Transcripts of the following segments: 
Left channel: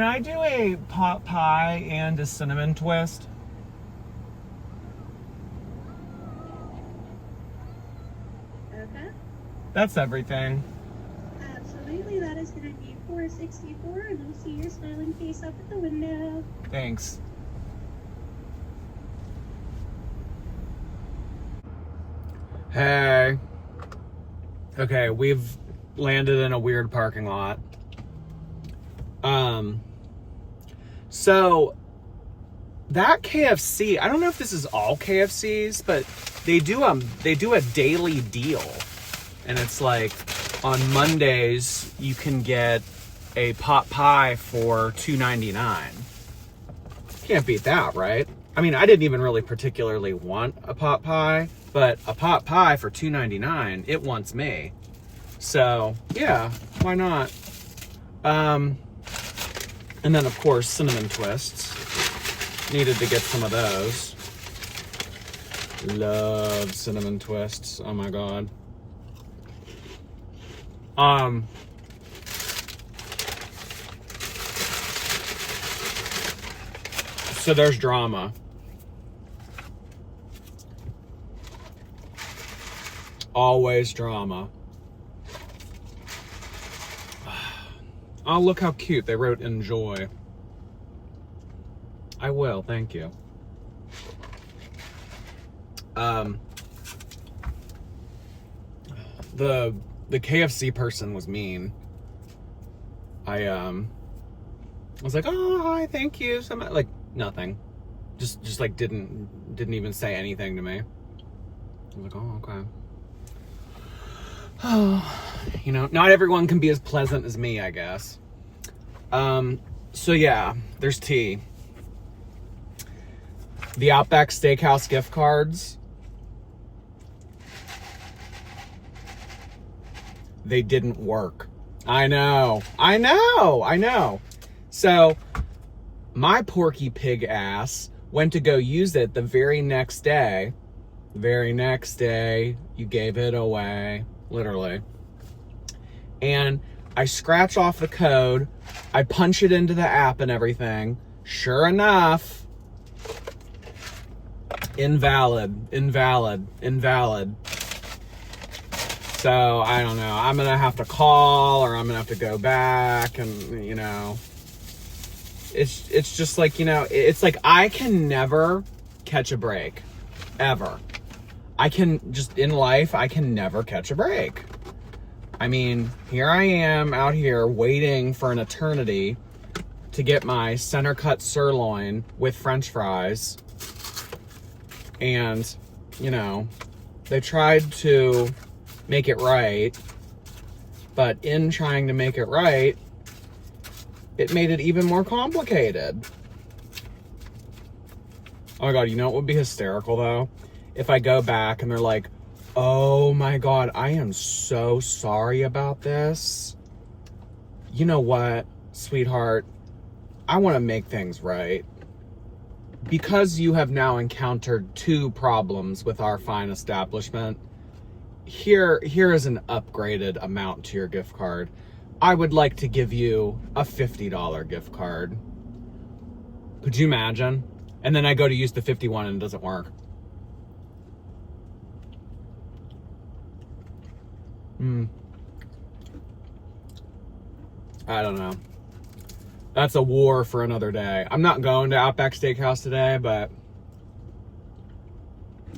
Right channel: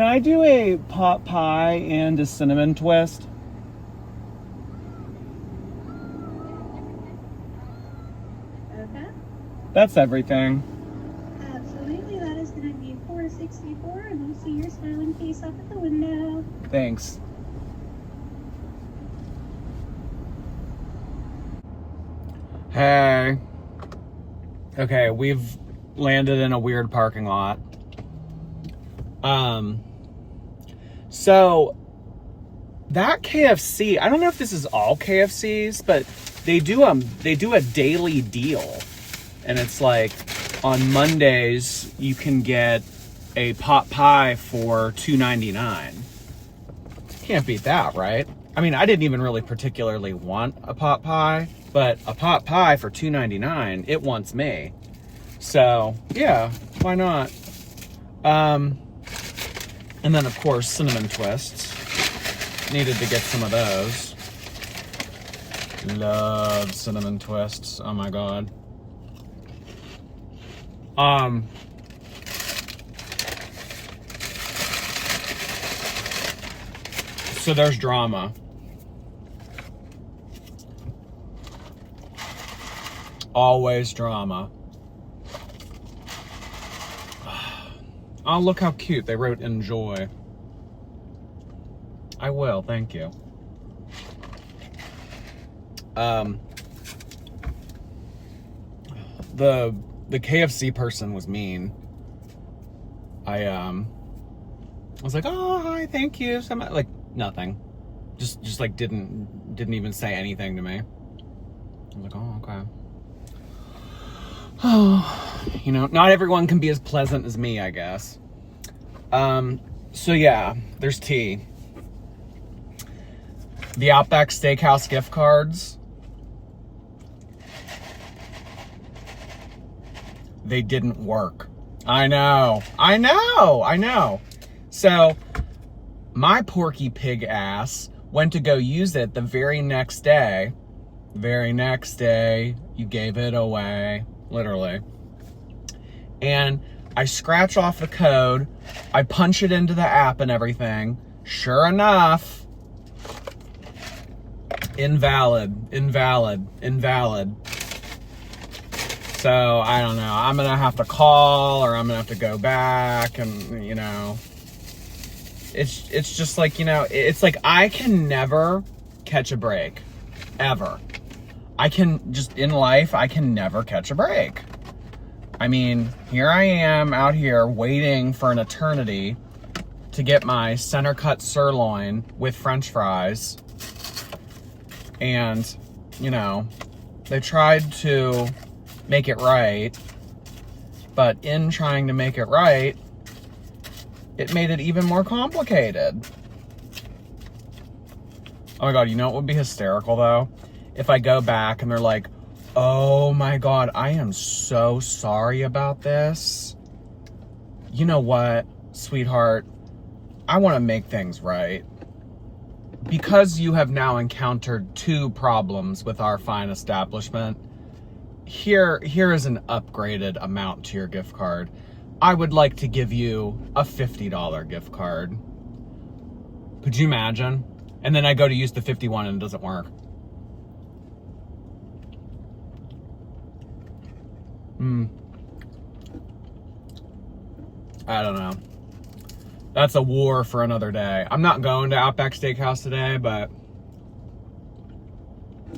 can I do a pot pie and a cinnamon twist? Okay. That's everything. Absolutely, that is going to be $4.64, and we'll see your smiling face up at the window. Thanks. Hey. Okay, we've landed in a weird parking lot. So that KFC, I don't know if this is all KFCs, but they do a daily deal. And it's like on Mondays you can get a pot pie for $2.99. Can't beat that, right? I mean, I didn't even really particularly want a pot pie, but a pot pie for $2.99, it wants me. So yeah, why not? And then of course cinnamon twists. Needed to get some of those. Love cinnamon twists. Oh my god. So there's drama. Always drama. Oh, look how cute. They wrote enjoy. I will, thank you. The KFC person was mean. I was like, oh, hi, thank you. So much. Like, nothing. Just like didn't even say anything to me. I was like, oh, okay. Oh, you know, not everyone can be as pleasant as me, I guess. So yeah, there's tea. The Outback Steakhouse gift cards. They didn't work. I know. So my Porky Pig ass went to go use it the very next day. You gave it away. Literally. And I scratch off the code. I punch it into the app and everything. Sure enough, invalid. So I don't know. I'm gonna have to call, or I'm gonna have to go back, and you know, it's just like, you know, it's like I can never catch a break, ever. I can just, in life, I can never catch a break. I mean, here I am out here waiting for an eternity to get my center cut sirloin with French fries. And, you know, they tried to make it right, but in trying to make it right, it made it even more complicated. Oh my god, you know what would be hysterical though? If I go back and they're like, oh my god, I am so sorry about this. You know what, sweetheart? I want to make things right. Because you have now encountered 2 problems with our fine establishment, here is an upgraded amount to your gift card. I would like to give you a $50 gift card. Could you imagine? And then I go to use the 51 and it doesn't work. I don't know. That's a war for another day. I'm not going to Outback Steakhouse today, but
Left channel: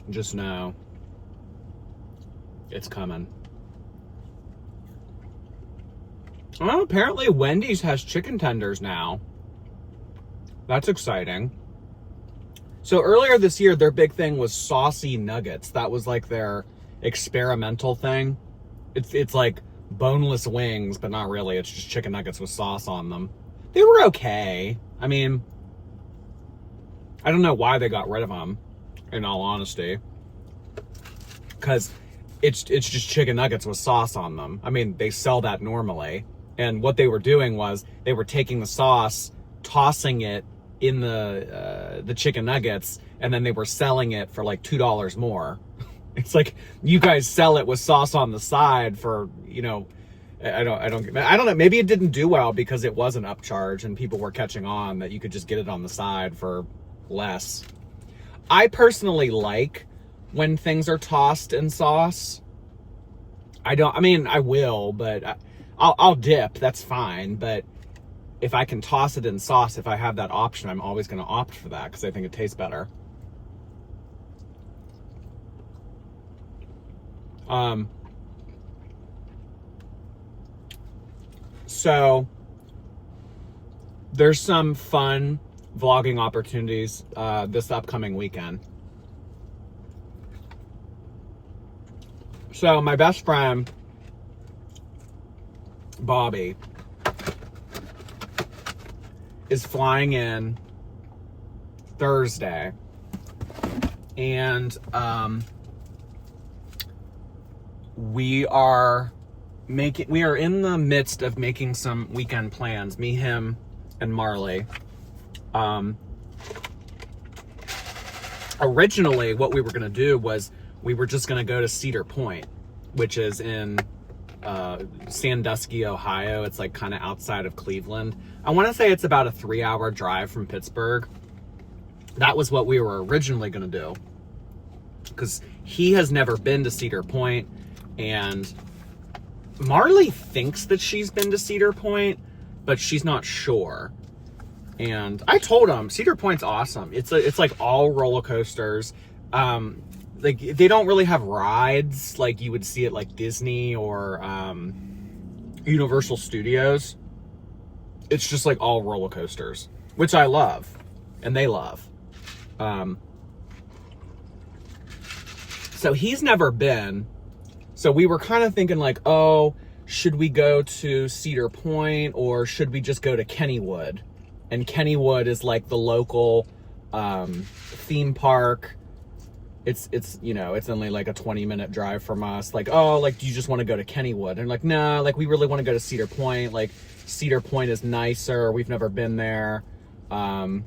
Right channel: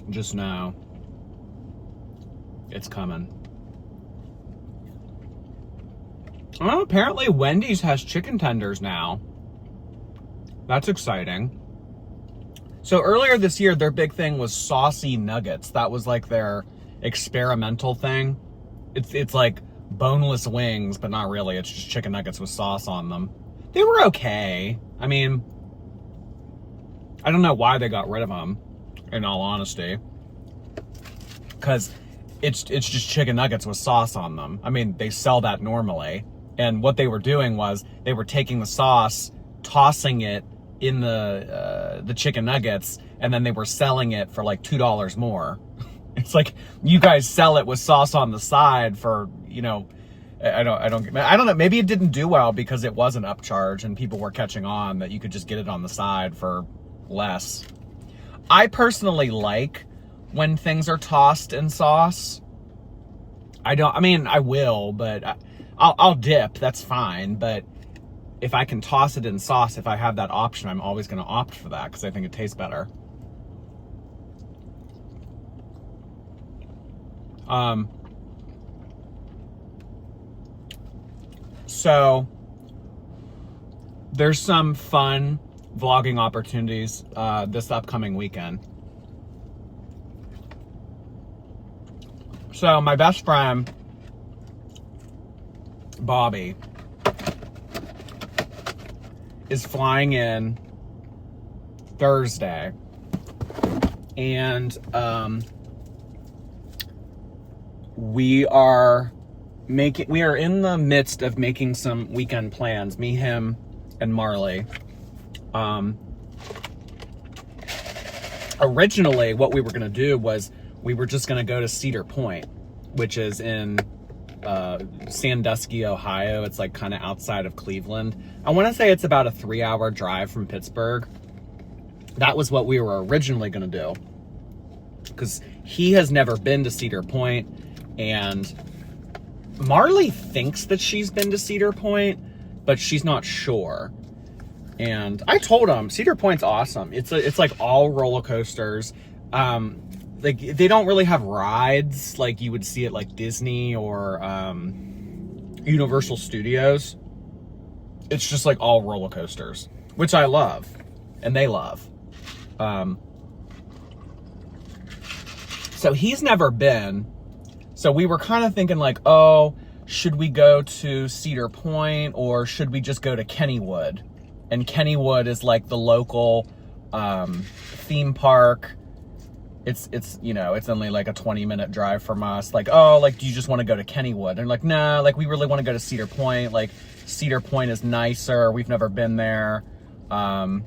just know it's coming. Well, apparently Wendy's has chicken tenders now. That's exciting. So earlier this year, their big thing was saucy nuggets. That was like their experimental thing. It's like boneless wings, but not really. It's just chicken nuggets with sauce on them. They were okay. I mean, I don't know why they got rid of them, in all honesty. Because it's just chicken nuggets with sauce on them. I mean, they sell that normally. And what they were doing was they were taking the sauce, tossing it in the chicken nuggets, and then they were selling it for like $2 more. It's like, you guys sell it with sauce on the side for, you know, I don't know. Maybe it didn't do well because it was an upcharge and people were catching on that you could just get it on the side for less. I personally like when things are tossed in sauce. I will, but I'll dip. That's fine. But if I can toss it in sauce, if I have that option, I'm always going to opt for that because I think it tastes better. So there's some fun vlogging opportunities this upcoming weekend. So my best friend, Bobby, is flying in Thursday, and we are in the midst of making some weekend plans, me, him, and Marley. Originally what we were gonna do was we were just gonna go to Cedar Point, which is in Sandusky, Ohio. It's like kind of outside of Cleveland. I want to say it's about a 3-hour drive from Pittsburgh. That was what we were originally gonna do, because he has never been to Cedar Point, and Marley thinks that she's been to Cedar Point, but she's not sure. And I told him Cedar Point's awesome. It's like all roller coasters. Like they don't really have rides like you would see at like Disney or Universal Studios. It's just like all roller coasters, which I love, and they love. So he's never been. So we were kind of thinking like, oh, should we go to Cedar Point or should we just go to Kennywood? And Kennywood is like the local theme park. It's only like a 20-minute drive from us. Like, oh, like, do you just want to go to Kennywood? And like, nah, like we really want to go to Cedar Point. Like Cedar Point is nicer. We've never been there. And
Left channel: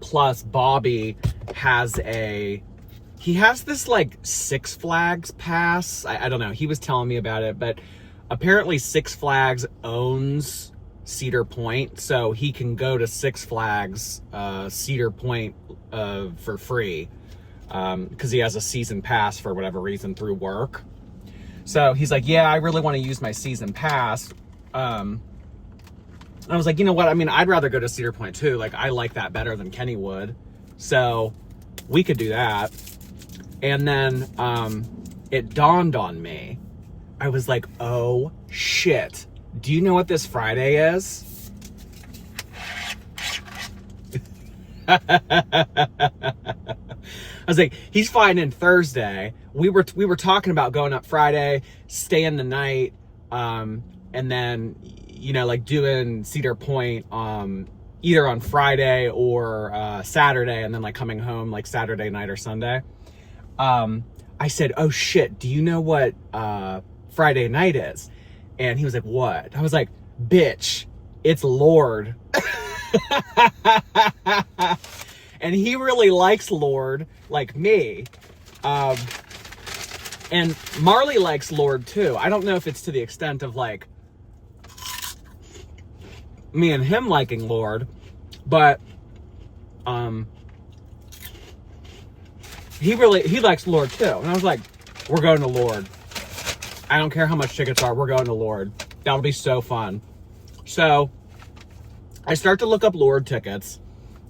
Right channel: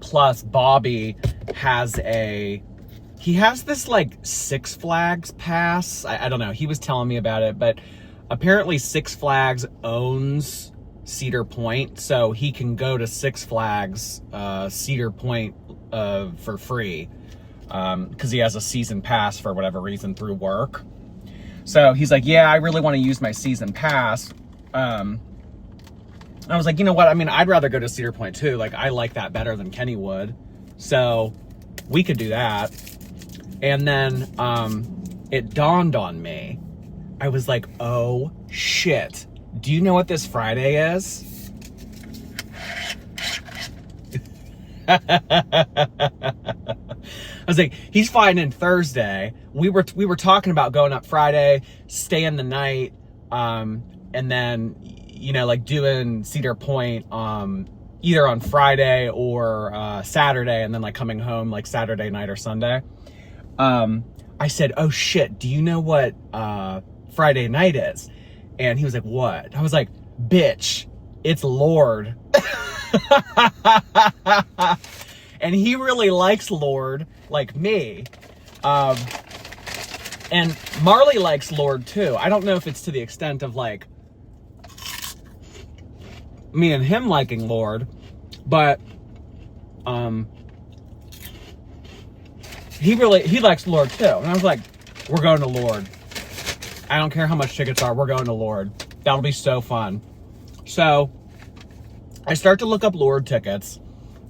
plus Bobby has this like Six Flags pass. I don't know. He was telling me about it, but apparently Six Flags owns Cedar Point, so he can go to Six Flags Cedar Point for free because he has a season pass for whatever reason through work. So he's like, yeah, I really want to use my season pass. I was like, you know what? I mean, I'd rather go to Cedar Point too. Like, I like that better than Kennywood. So we could do that. And then it dawned on me. I was like, oh shit. Do you know what this Friday is? I was like, he's flying in Thursday. We were talking about going up Friday, staying the night, and then, like doing Cedar Point either on Friday or Saturday, and then like coming home like Saturday night or Sunday. I said, oh shit, do you know what Friday night is? And he was like, what? I was like, bitch, it's Lord. And he really likes Lord, like me. And Marley likes Lord too. I don't know if it's to the extent of like me and him liking Lord, but he likes Lord too. And I was like, we're going to Lord. I don't care how much tickets are, we're going to Lord. That'll be so fun. So I start to look up Lord tickets,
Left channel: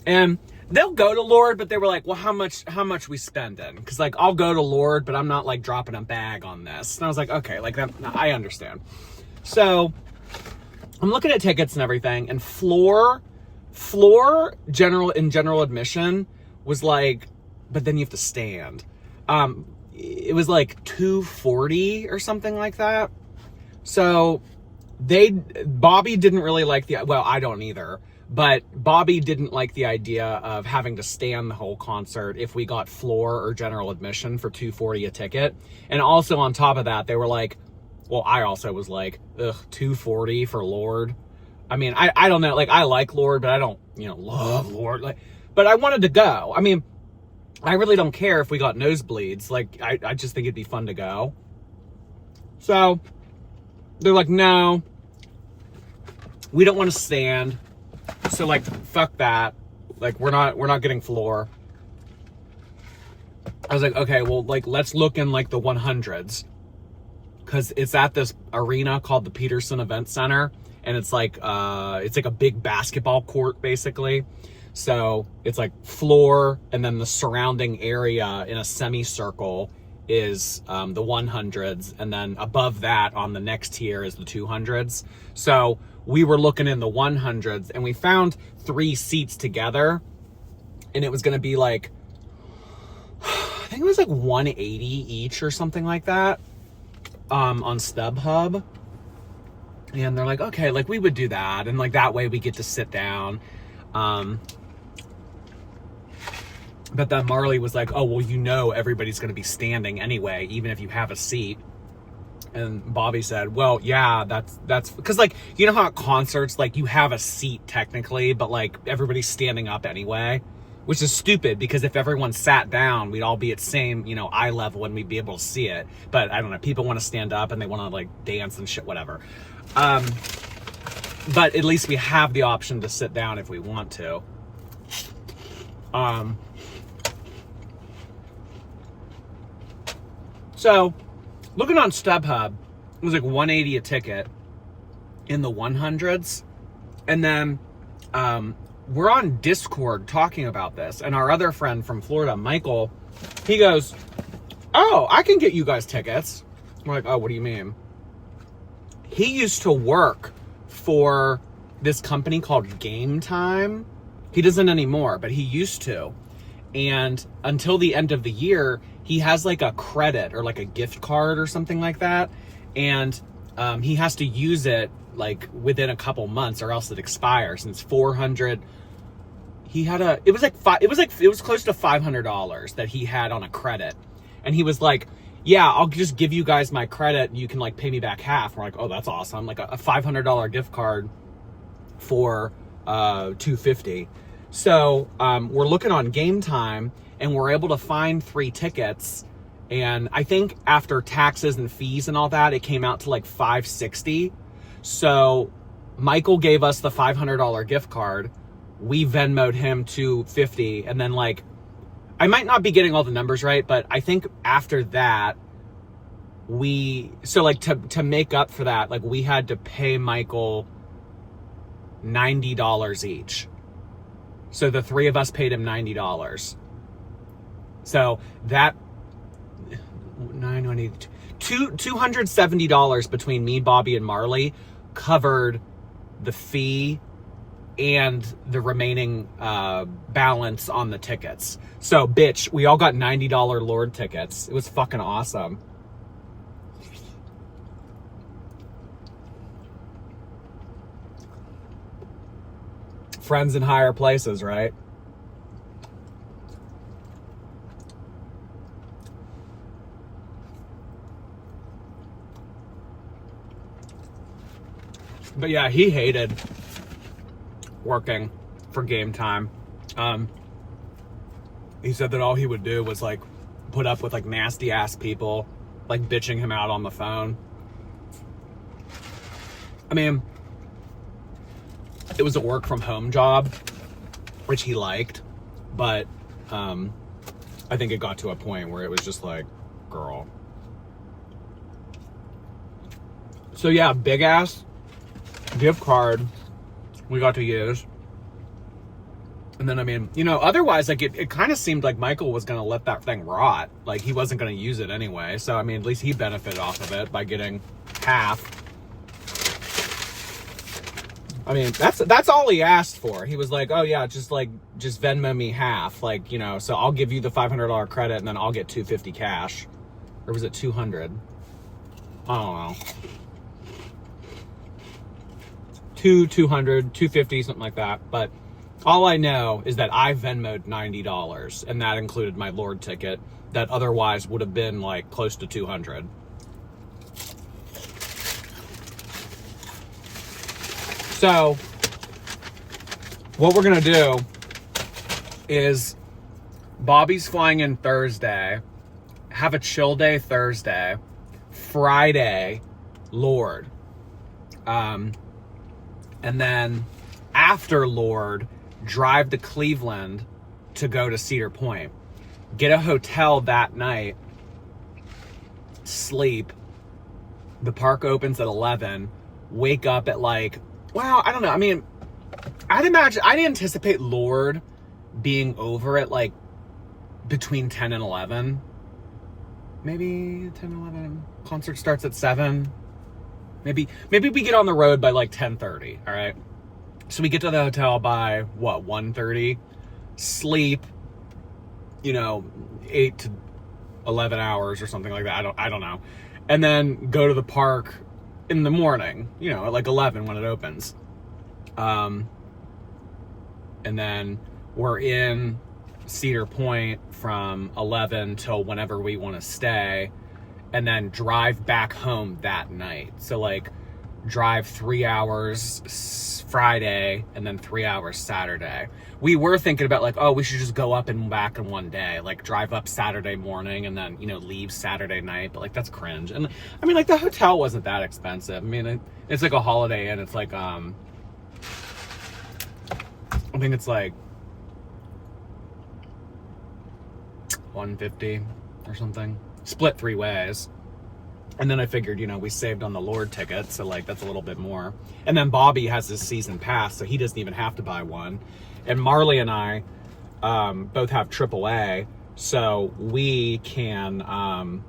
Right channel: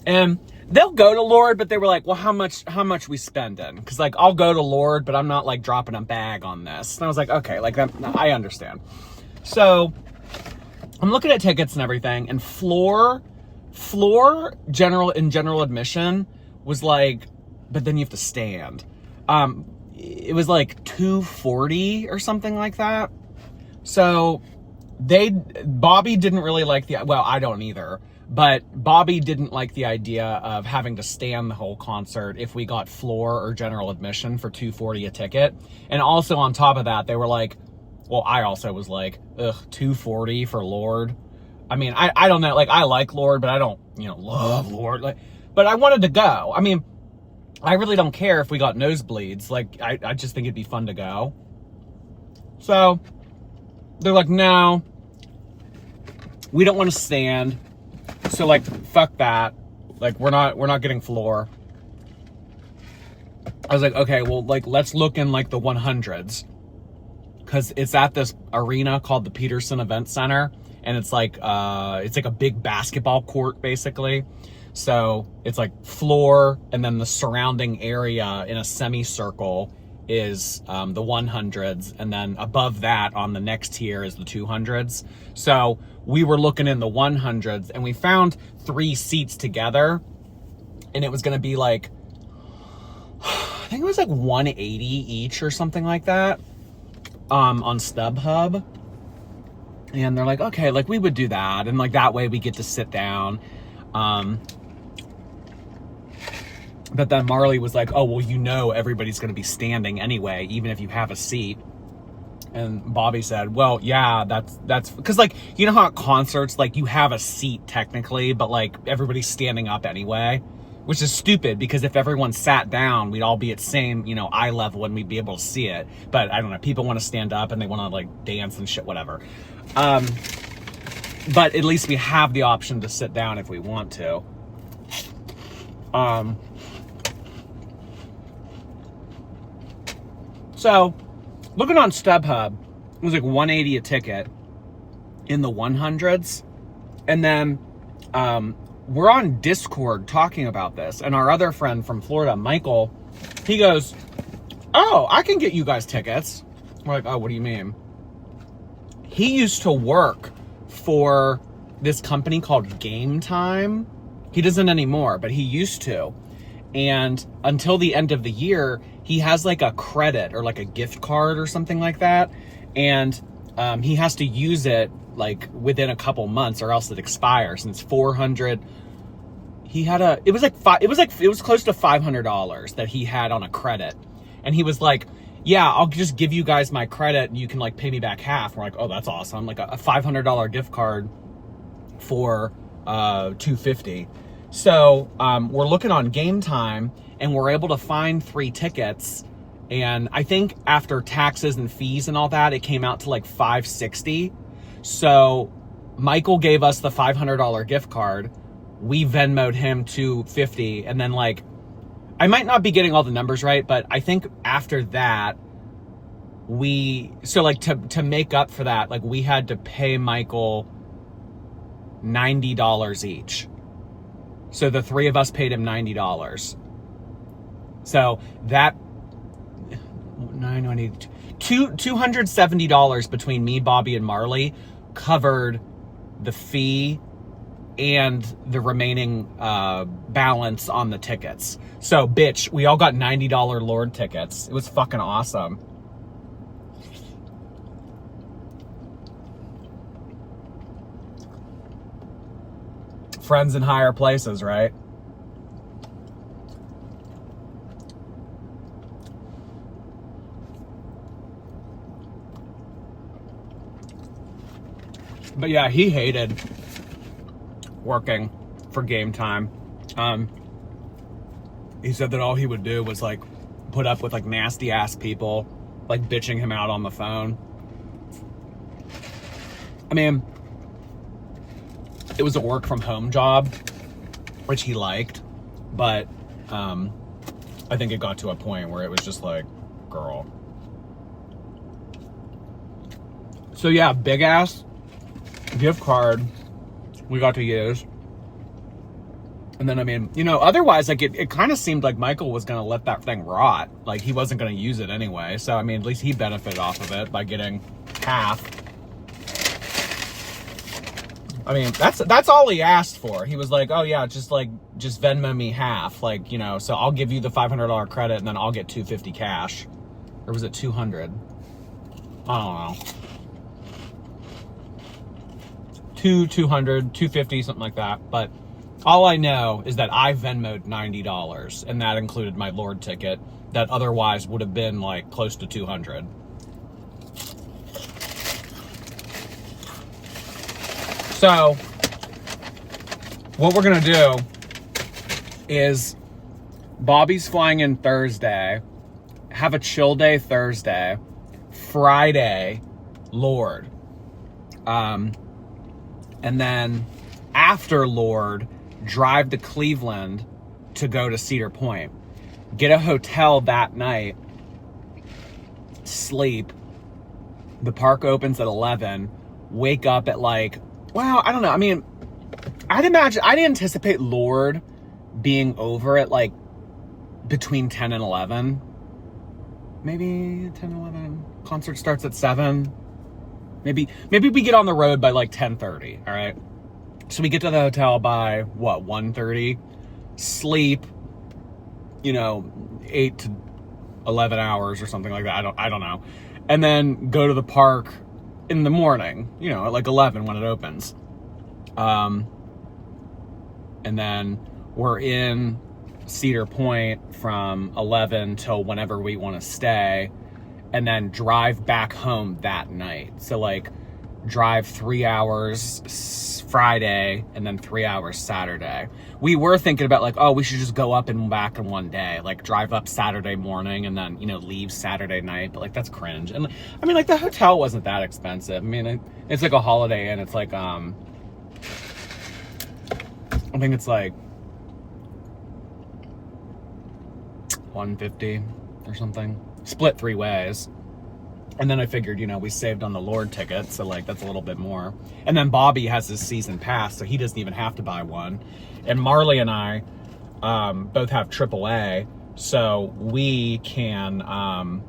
and they'll go to Lord, but they were like, well, how much we spending? Because like, I'll go to Lord, but I'm not like dropping a bag on this. And I was like, okay, like that, I understand. So I'm looking at tickets and everything, and floor general admission was like, but then you have to stand. It was like $240 or something like that. So Bobby didn't really like I don't either, but Bobby didn't like the idea of having to stand the whole concert if we got floor or general admission for $240 a ticket. And also on top of that, they were like, well, I also was like, ugh, $240 for Lord. I mean, I don't know, like I like Lord, but I don't, love Lord. Like, but I wanted to go. I mean, I really don't care if we got nosebleeds. Like, I just think it'd be fun to go. So they're like, no, we don't want to stand. So like, fuck that. Like, we're not getting floor. I was like, okay, well, like, let's look in like the 100s. Cause it's at this arena called the Peterson Event Center. And it's like a big basketball court basically. So it's like floor, and then the surrounding area in a semicircle is the 100s, and then above that on the next tier is the 200s. So we were looking in the 100s, and we found 3 seats together, and it was gonna be like, I think it was like 180 each or something like that, on StubHub. And they're like, okay, like we would do that, and like that way we get to sit down. But then Marley was like, oh, well, you know everybody's going to be standing anyway, even if you have a seat. And Bobby said, well, yeah, that's because, like, you know how at concerts, like, you have a seat technically, but like everybody's standing up anyway, which is stupid, because if everyone sat down, we'd all be at same, you know, eye level and we'd be able to see it. But I don't know, people want to stand up and they want to like dance and shit, whatever. But at least we have the option to sit down if we want to. So, looking on StubHub, it was like $180 a ticket in the 100s. And then we're on Discord talking about this. And our other friend from Florida, Michael, he goes, oh, I can get you guys tickets. We're like, oh, what do you mean? He used to work for this company called Game Time. He doesn't anymore, but he used to. And until the end of the year, he has like a credit or like a gift card or something like that. And he has to use it like within a couple months or else it expires. And it's $400. He had it was close to $500 that he had on a credit. And he was like, yeah, I'll just give you guys my credit and you can like pay me back half. We're like, oh, that's awesome. Like a $500 gift card for $250. So we're looking on Game Time, and we're able to find 3 tickets. And I think after taxes and fees and all that, it came out to like $560. So Michael gave us the $500 gift card. We Venmo'd him $250. And then like, I might not be getting all the numbers right, but I think after that, to make up for that, like we had to pay Michael $90 each. So the 3 of us paid him $90. So that $270 between me, Bobby, and Marley covered the fee and the remaining balance on the tickets. So, bitch, we all got $90 Lord tickets. It was fucking awesome. Friends in higher places, right? But yeah, he hated working for Game Time. He said that all he would do was like put up with like nasty ass people like bitching him out on the phone. I mean, it was a work from home job, which he liked, but I think it got to a point where it was just like, girl. So yeah, big ass gift card we got to use. And then, I mean, you know, otherwise, like, it kind of seemed like Michael was going to let that thing rot. Like, he wasn't going to use it anyway. So, I mean, at least he benefited off of it by getting half. I mean, that's all he asked for. He was like, oh, yeah, just Venmo me half. Like, you know, so I'll give you the $500 credit, and then I'll get $250 cash. Or was it $200? I don't know. $200, $250, something like that. But all I know is that I Venmo'd $90, and that included my Lord ticket that otherwise would have been like close to $200. So what we're gonna do is Bobby's flying in Thursday, have a chill day Thursday, Friday, Lord. And then after Lord, drive to Cleveland to go to Cedar Point. Get a hotel that night, sleep. The park opens at 11. Wake up at like, well, I don't know. I mean, I'd anticipate Lord being over at like between 10 and 11. Maybe 10 and 11. Concert starts at 7. Maybe we get on the road by like 10:30, all right? So we get to the hotel by, what, 1:30? Sleep, 8 to 11 hours or something like that. I don't know. And then go to the park in the morning, at like 11 when it opens. And then we're in Cedar Point from 11 till whenever we want to stay, and then drive back home that night. So like drive 3 hours Friday and then 3 hours Saturday. We were thinking about like, oh, we should just go up and back in one day, like drive up Saturday morning and then, leave Saturday night. But like, that's cringe. And I mean, like the hotel wasn't that expensive. I mean, it's like a Holiday Inn. It's like, I think it's like $150 or something, split 3 ways. And then I figured, we saved on the Lord ticket, so like that's a little bit more. And then Bobby has his season pass, so he doesn't even have to buy one. And Marley and I both have AAA, so we can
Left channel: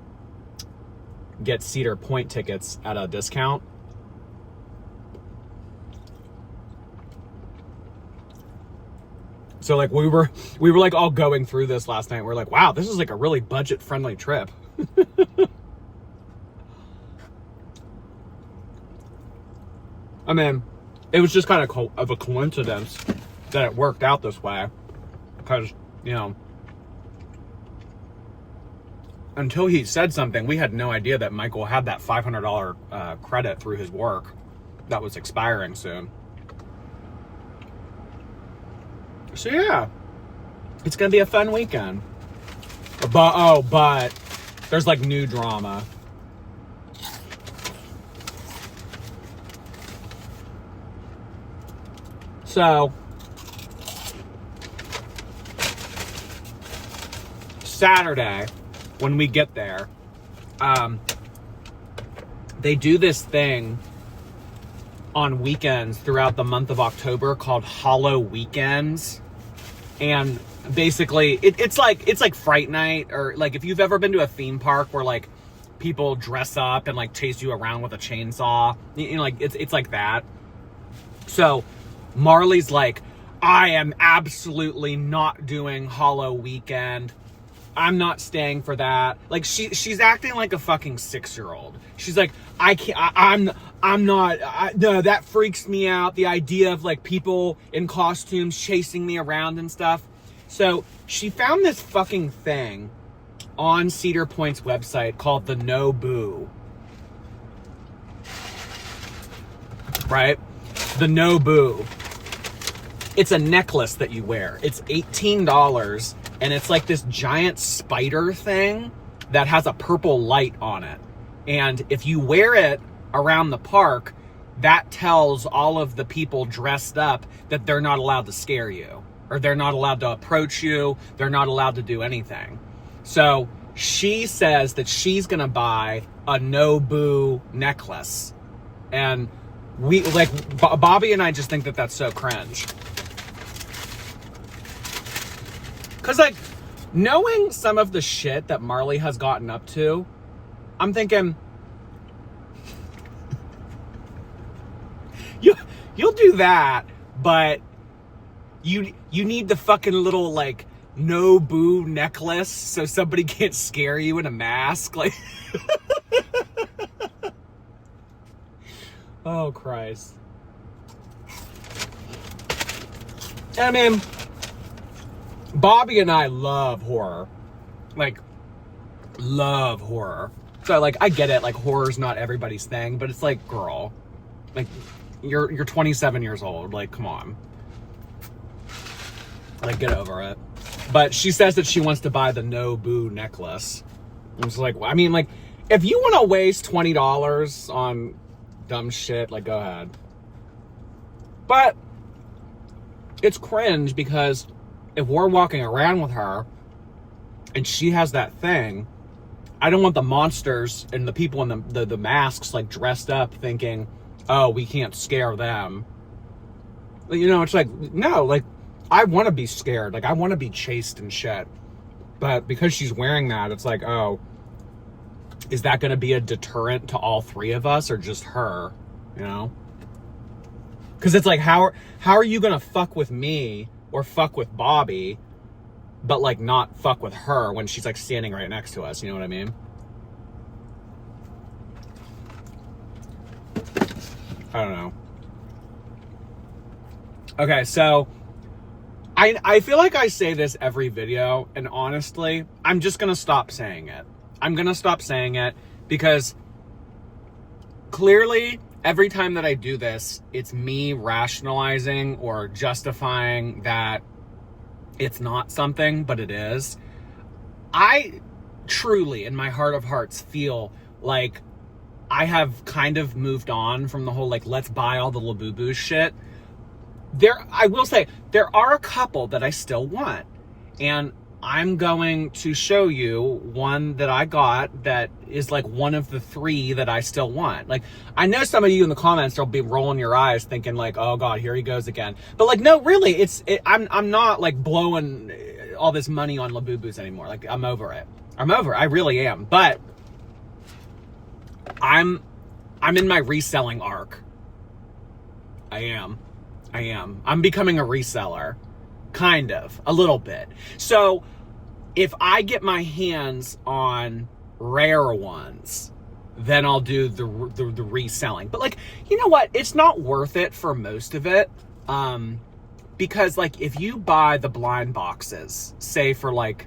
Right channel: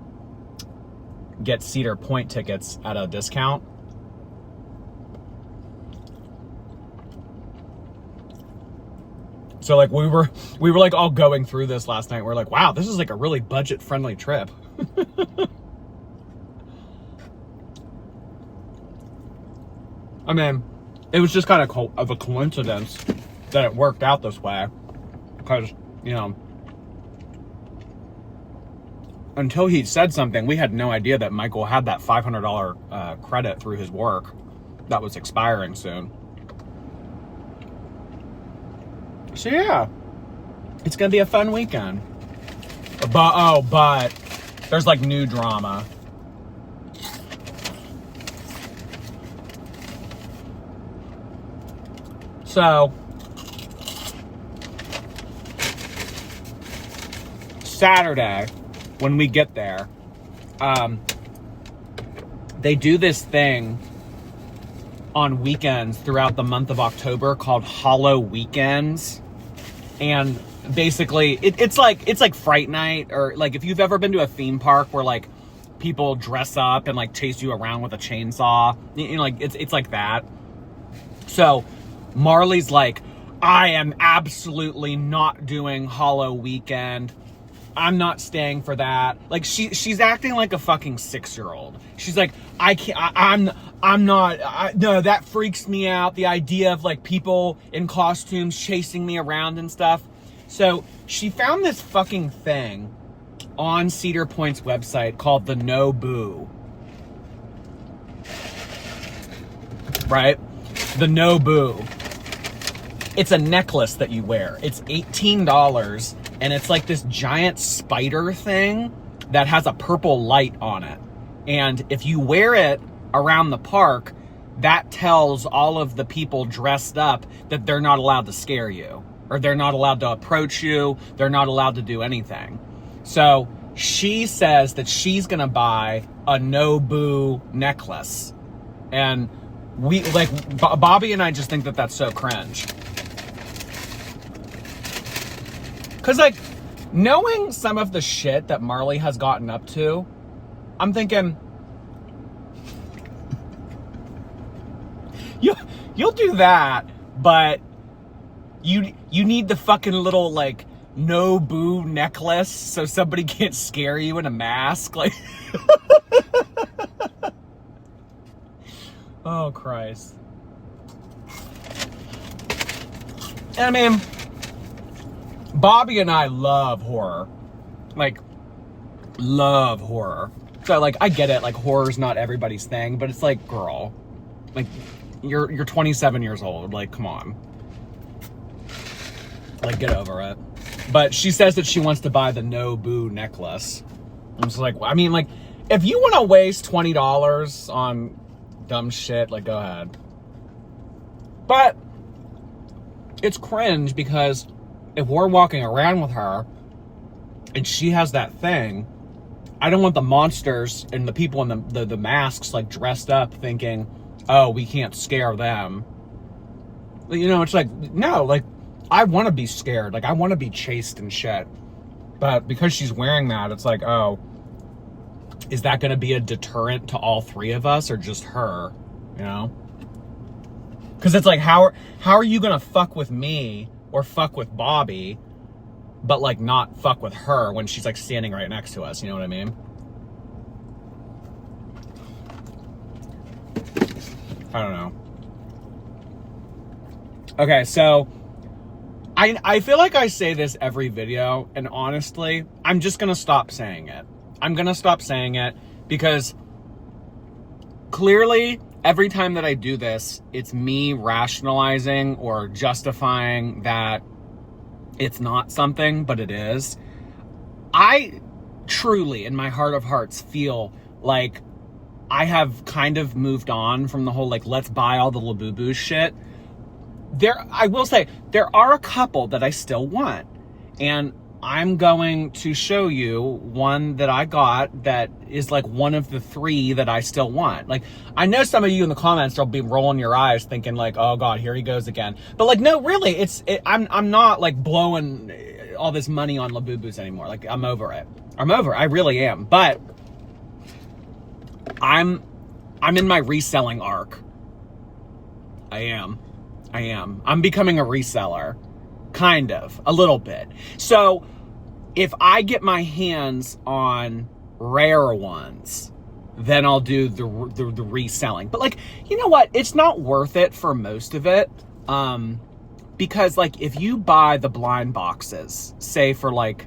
get Cedar Point tickets at a discount. So like we were like all going through this last night. We're like, wow, this is like a really budget friendly trip. I mean, it was just kind of a coincidence that it worked out this way, because until he said something, we had no idea that Michael had that $500 credit through his work that was expiring soon. So yeah, it's gonna be a fun weekend. But there's like new drama. So Saturday, when we get there, they do this thing on weekends throughout the month of October called Halloweekends. And basically it's like Fright Night, or like if you've ever been to a theme park where like people dress up and like chase you around with a chainsaw, like it's like that. So Marley's like, I am absolutely not doing Hallow Weekend. I'm not staying for that. Like she's acting like a fucking 6-year-old. She's like, I can't, I'm not, no, that freaks me out. The idea of like people in costumes chasing me around and stuff. So she found this fucking thing on Cedar Point's website called the No Boo. Right? The No Boo. It's a necklace that you wear. It's $18, and it's like this giant spider thing that has a purple light on it. And if you wear it around the park, that tells all of the people dressed up that they're not allowed to scare you, or they're not allowed to approach you. They're not allowed to do anything. So she says that she's gonna buy a No Boo necklace. And we, like, Bobby and I just think that that's so cringe. Because, like, knowing some of the shit that Marley has gotten up to, I'm thinking, you'll do that, but you need the fucking little, like, No Boo necklace so somebody can't scare you in a mask. Like, oh, Christ. And I mean, Bobby and I love horror. Like, love horror. So, like, I get it. Like, horror's not everybody's thing, but it's like, girl, like, you're 27 years old. Like, come on. Like, get over it. But she says that she wants to buy the No Boo necklace. I'm just like, I mean, like, if you want to waste $20 on dumb shit, like, go ahead. But it's cringe because if we're walking around with her and she has that thing, I don't want the monsters and the people in the masks like dressed up thinking, oh, we can't scare them. You know, it's like, no, like, I want to be scared. Like, I want to be chased and shit. But because she's wearing that, it's like, oh, is that going to be a deterrent to all three of us or just her, you know? Because it's like, how are you going to fuck with me or fuck with Bobby, but like not fuck with her when she's like standing right next to us, you know what I mean? I don't know. Okay, so I feel like I say this every video, and honestly, I'm just gonna stop saying it. I'm gonna stop saying it because clearly every time that I do this, it's me rationalizing or justifying that it's not something, but it is. I truly, in my heart of hearts, feel like I have kind of moved on from the whole, like, let's buy all the Labubu shit. I will say, there are a couple that I still want. And I'm going to show you one that I got that is like one of the three that I still want. Like, I know some of you in the comments will be rolling your eyes thinking like, oh God, here he goes again. But like, no, really, I'm not like blowing all this money on Labubus anymore. Like, I'm over it. I really am. But I'm in my reselling arc. I am. I'm becoming a reseller. Kind of. A little bit. So, if I get my hands on rare ones, then I'll do the reselling. But like, you know what? It's not worth it for most of it. Because like, if you buy the blind boxes, say for like,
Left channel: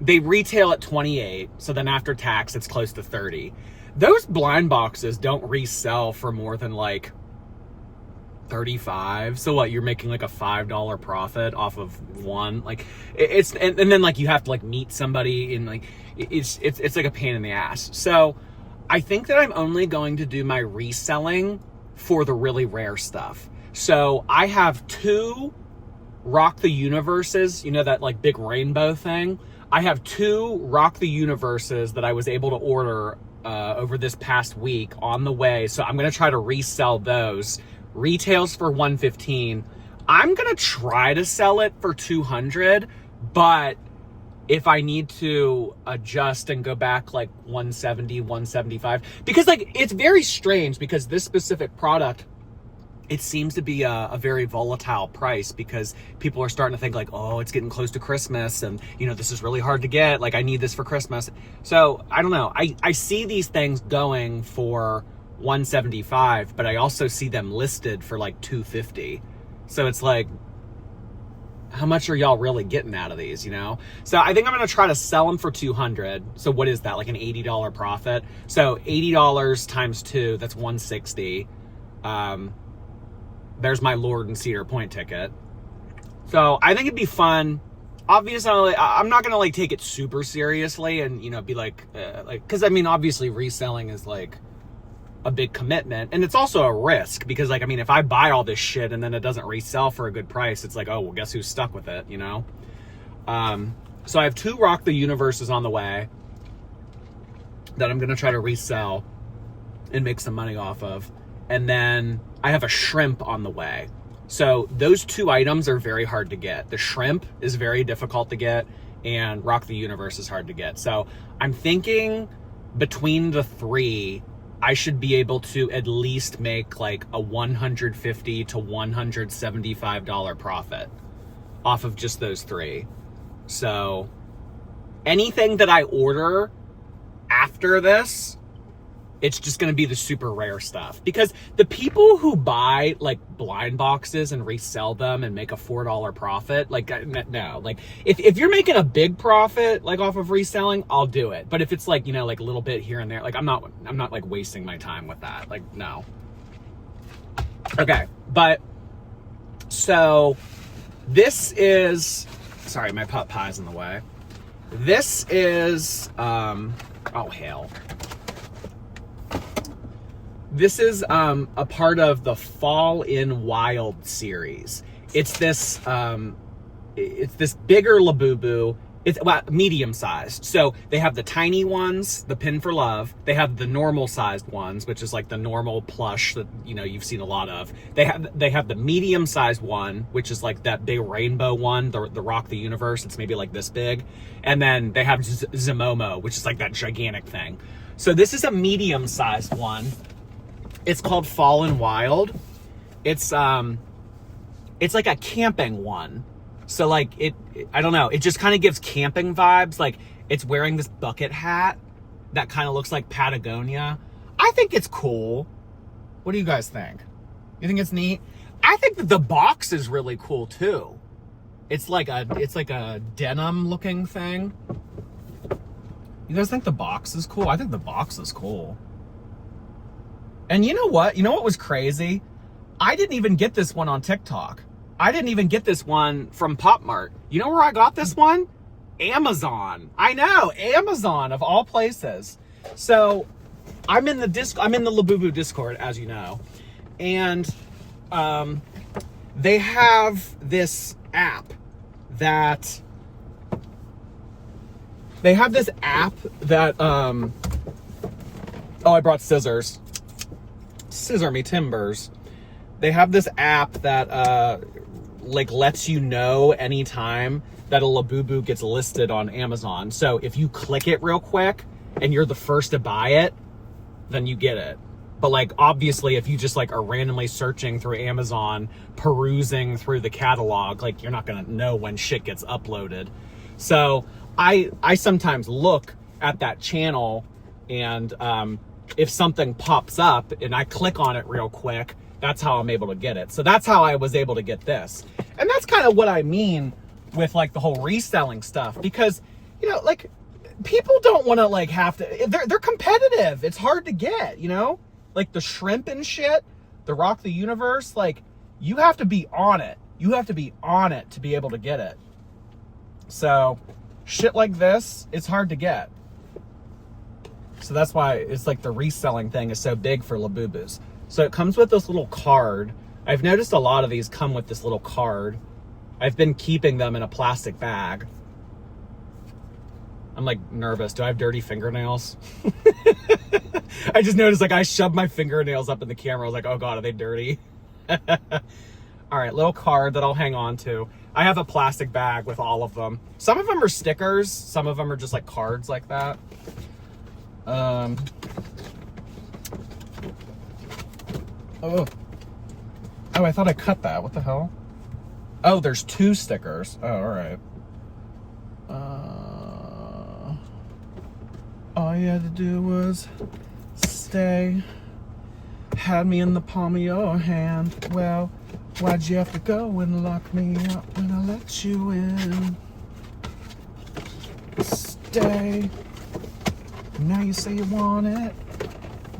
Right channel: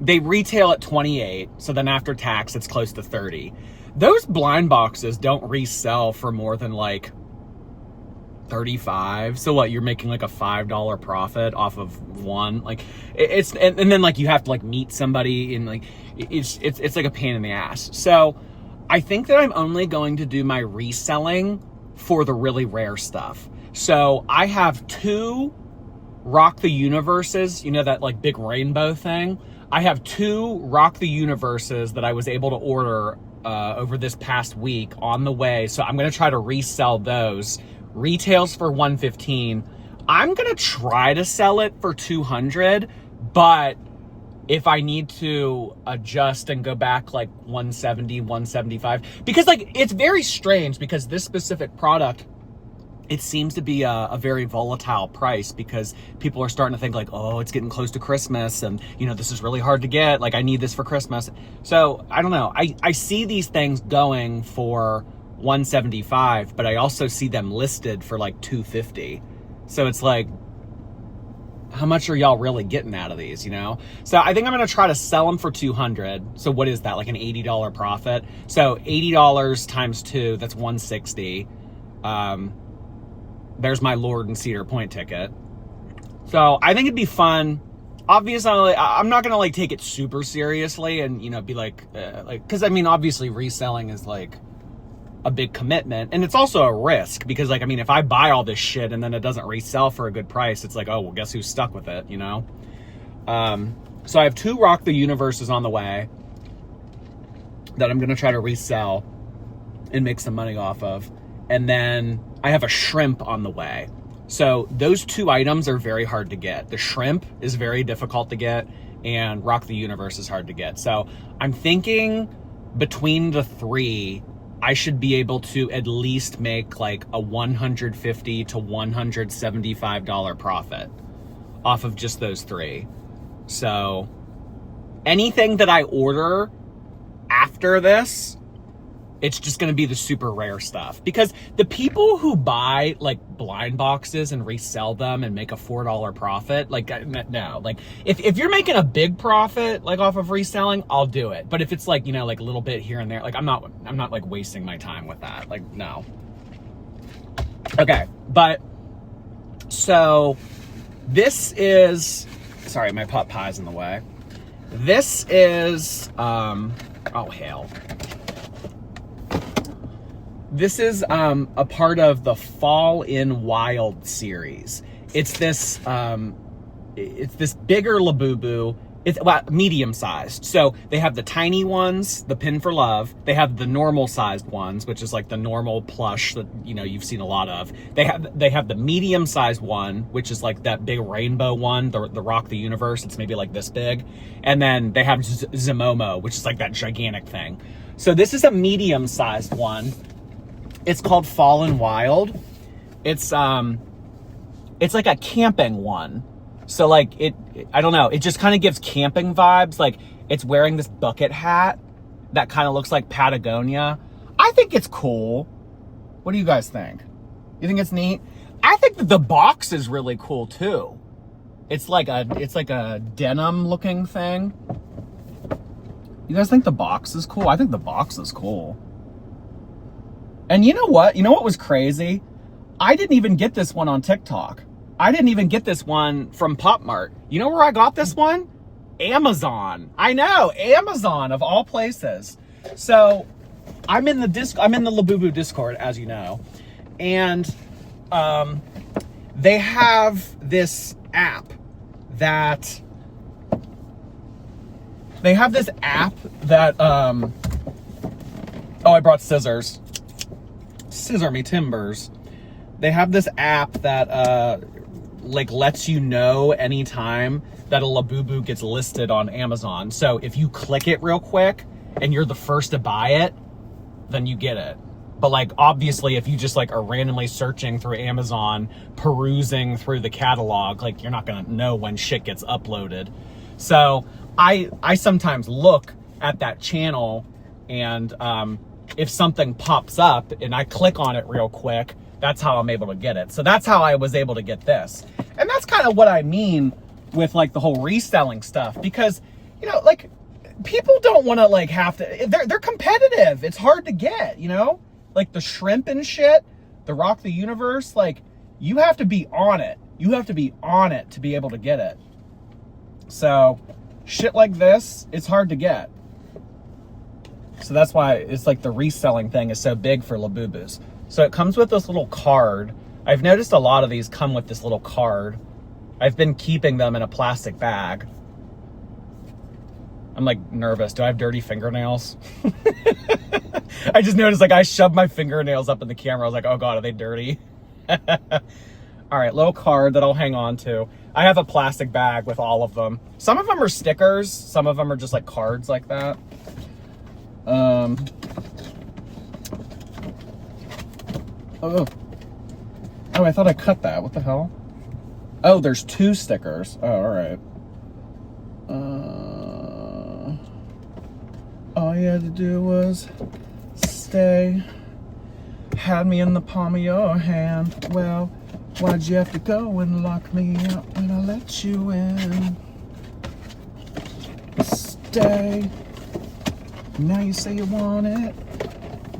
they retail at 28, so then after tax, it's close to 30. Those blind boxes don't resell for more than like 35. So what, you're making like a $5 profit off of one? Like, it's and then like you have to like meet somebody and like it's like a pain in the ass. So I think that I'm only going to do my reselling for the really rare stuff. So I have 2 Rock the Universes, you know, that like big rainbow thing. I have 2 Rock the Universes that I was able to order over this past week on the way. So I'm going to try to resell those. Retails for $115. I'm going to try to sell it for $200, but if I need to adjust and go back like $170, $175, because like, it's very strange because this specific product, it seems to be a very volatile price because people are starting to think like, oh, it's getting close to Christmas and, you know, this is really hard to get. Like, I need this for Christmas. So I don't know. I see these things going for $175, but I also see them listed for like $250. So it's like, how much are y'all really getting out of these, you know? So I think I'm going to try to sell them for $200. So what is that? Like an $80 profit. So $80 times 2, that's $160. There's my Lord and Cedar Point ticket. So I think it'd be fun. Obviously, I'm not going to like take it super seriously and, you know, be like, cause I mean, obviously reselling is like a big commitment, and it's also a risk because like, I mean, if I buy all this shit and then it doesn't resell for a good price, it's like, oh, well, guess who's stuck with it, you know? So I have 2 Rock the Universes on the way that I'm going to try to resell and make some money off of. And then I have a shrimp on the way. So those 2 items are very hard to get. The shrimp is very difficult to get, and Rock the Universe is hard to get. So I'm thinking between the 3, I should be able to at least make like a $150 to $175 profit off of just those 3. So anything that I order after this, it's just going to be the super rare stuff, because the people who buy like blind boxes and resell them and make a $4 profit, like, no, like if you're making a big profit like off of reselling, I'll do it. But if it's like, you know, like a little bit here and there, like I'm not like wasting my time with that. Like, no. Okay. But so this is, sorry, my pot pie's in the way. This is, oh hell. This is a part of the Fall in Wild series. It's this bigger Labubu. It's medium sized. So they have the tiny ones, the Pin for Love. They have the normal sized ones, which is like the normal plush that, you know, you've seen a lot of. They have the medium sized one, which is like that big rainbow one, the Rock the Universe. It's maybe like this big. And then they have Zimomo, which is like that gigantic thing. So this is a medium sized one. It's called Fall in Wild. It's like a camping one. So like I don't know, it just kind of gives camping vibes. Like it's wearing this bucket hat that kind of looks like Patagonia. I think it's cool. What do you guys think? You think it's neat? I think that the box is really cool too. It's like a denim looking thing. You guys think the box is cool? I think the box is cool. And you know what? You know what was crazy? I didn't even get this one on TikTok. I didn't even get this one from Pop Mart. You know where I got this one? Amazon. I know, Amazon of all places. So I'm in the Labubu Discord, as you know, and they have this app that oh, I brought scissors. Scissor Me Timbers. They have this app that like lets you know anytime that a Labubu gets listed on Amazon. So if you click it real quick and you're the first to buy it, then you get it. But like obviously if you just like are randomly searching through Amazon, perusing through the catalog, like you're not gonna know when shit gets uploaded. So I sometimes look at that channel and if something pops up and I click on it real quick, that's how I'm able to get it. So that's how I was able to get this. And that's kind of what I mean with like the whole reselling stuff, because, you know, like people don't want to like have to, they're competitive. It's hard to get, you know, like the shrimp and shit, the Rock the Universe, like you have to be on it. You have to be on it to be able to get it. So shit like this, it's hard to get. So that's why it's like the reselling thing is so big for Labubus. So it comes with this little card. I've noticed a lot of these come with this little card. I've been keeping them in a plastic bag. I'm like nervous. Do I have dirty fingernails? I just noticed like I shoved my fingernails up in the camera. I was like, oh God, are they dirty? All right, little card that I'll hang on to. I have a plastic bag with all of them. Some of them are stickers. Some of them are just like cards like that. Oh, I thought I cut that. What the hell? Oh, there's 2 stickers. Oh, all right. All you had to do was stay. Had me in the palm of your hand. Well, why'd you have to go and lock me up when I let you in? Stay. Now you say you want it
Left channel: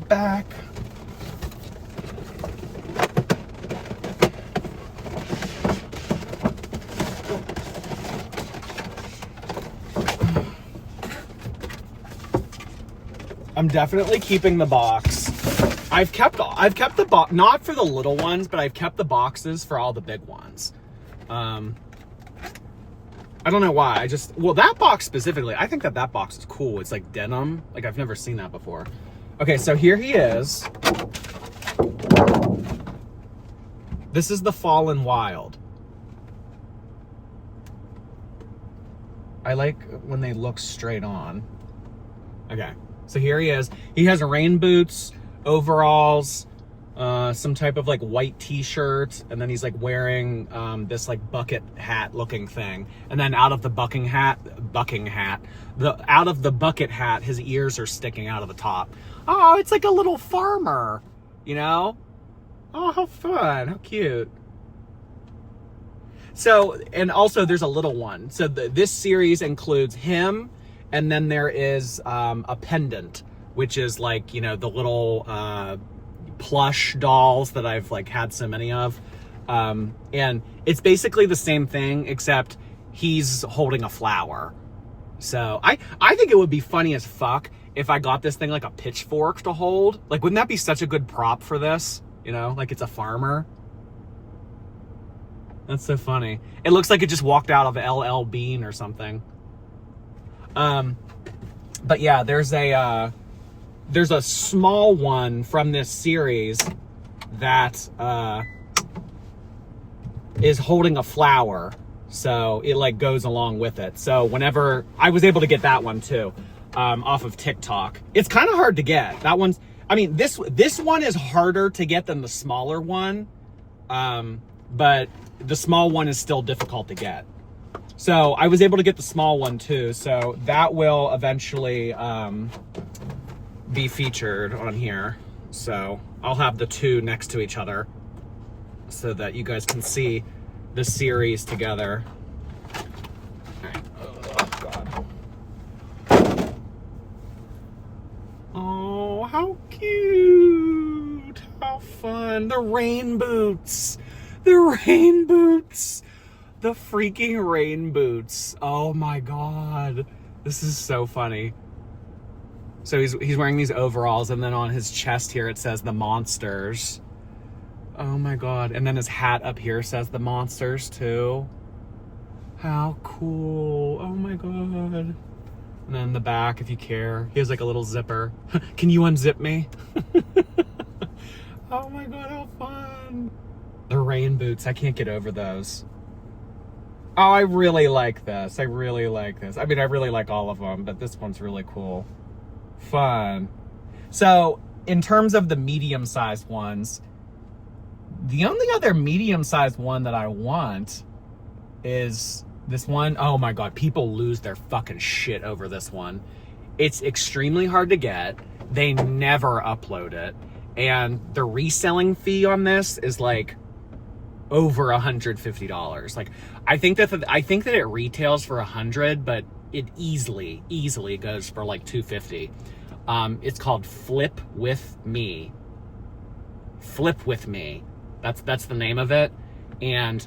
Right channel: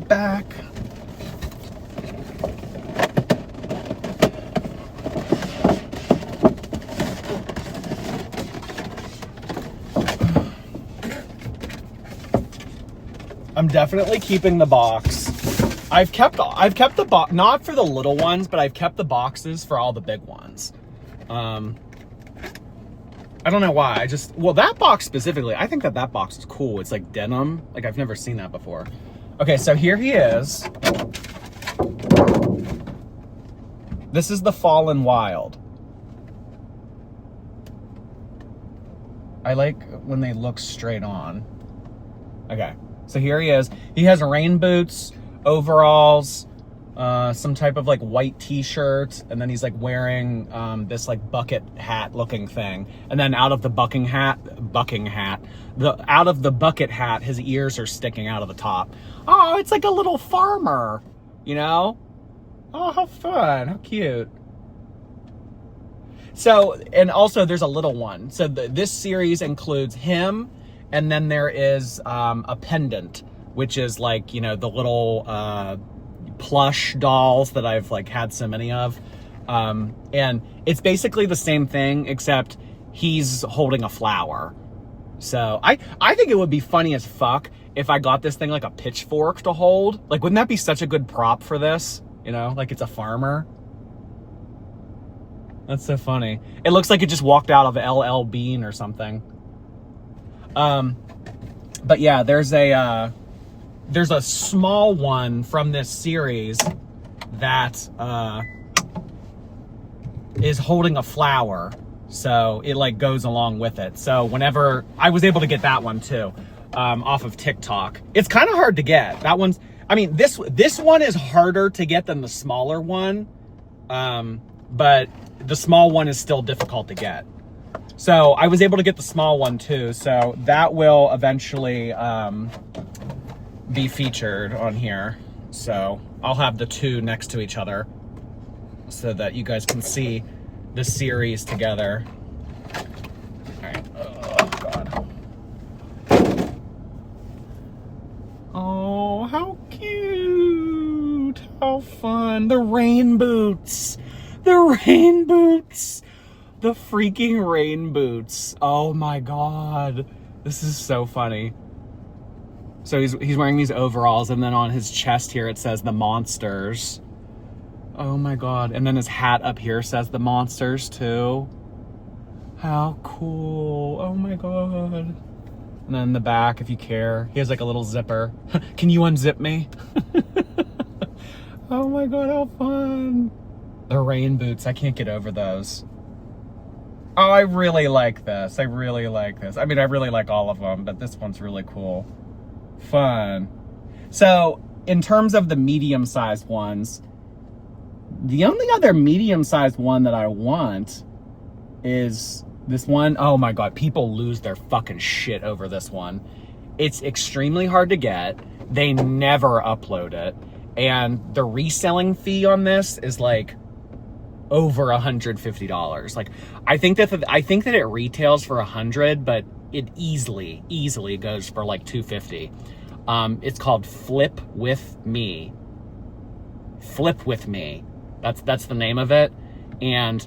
back. I'm definitely keeping the box. I've kept the box, not for the little ones, but I've kept the boxes for all the big ones. I don't know why. Well, that box specifically, I think that box is cool. It's like denim. Like I've never seen that before. Okay, so here he is. This is the Fall in Wild. I like when they look straight on. Okay. So here he is. He has rain boots, overalls, some type of like white t-shirt, and then he's like wearing this like bucket hat looking thing. And then out of the bucket hat, his ears are sticking out of the top. Oh, it's like a little farmer, you know? Oh, how fun, how cute. So, and also there's a little one. So this series includes him, and then there is a pendant, which is like, you know, the little plush dolls that I've like had so many of. And it's basically the same thing, except he's holding a flower. So I think it would be funny as fuck if I got this thing like a pitchfork to hold. Like, wouldn't that be such a good prop for this? You know, like it's a farmer. That's so funny. It looks like it just walked out of LL Bean or something. But yeah, there's a small one from this series that is holding a flower, so it like goes along with it. So whenever I was able to get that one too, off of TikTok. It's kind of hard to get. That one's, I mean, this one is harder to get than the smaller one, but the small one is still difficult to get. So I was able to get the small one too, so that will eventually be featured on here. So I'll have the two next to each other so that you guys can see the series together. All right. Oh, God. Oh, how cute. How fun. The rain boots. The rain boots. The freaking rain boots. Oh my God. This is so funny. So he's wearing these overalls, and then on his chest here it says the monsters. Oh my God. And then his hat up here says the monsters too. How cool. Oh my God. And then the back, if you care, he has like a little zipper. Can you unzip me? Oh my God, how fun. The rain boots, I can't get over those. Oh, I really like this. I really like this. I mean, I really like all of them, but this one's really cool. Fun. So in terms of the medium-sized ones, the only other medium-sized one that I want is this one. Oh my God, people lose their fucking shit over this one. It's extremely hard to get. They never upload it. And the reselling fee on this is like over $150. Like, I think that it retails for $100, but it easily goes for like $250. It's called Flip With Me. Flip With Me. That's the name of it. And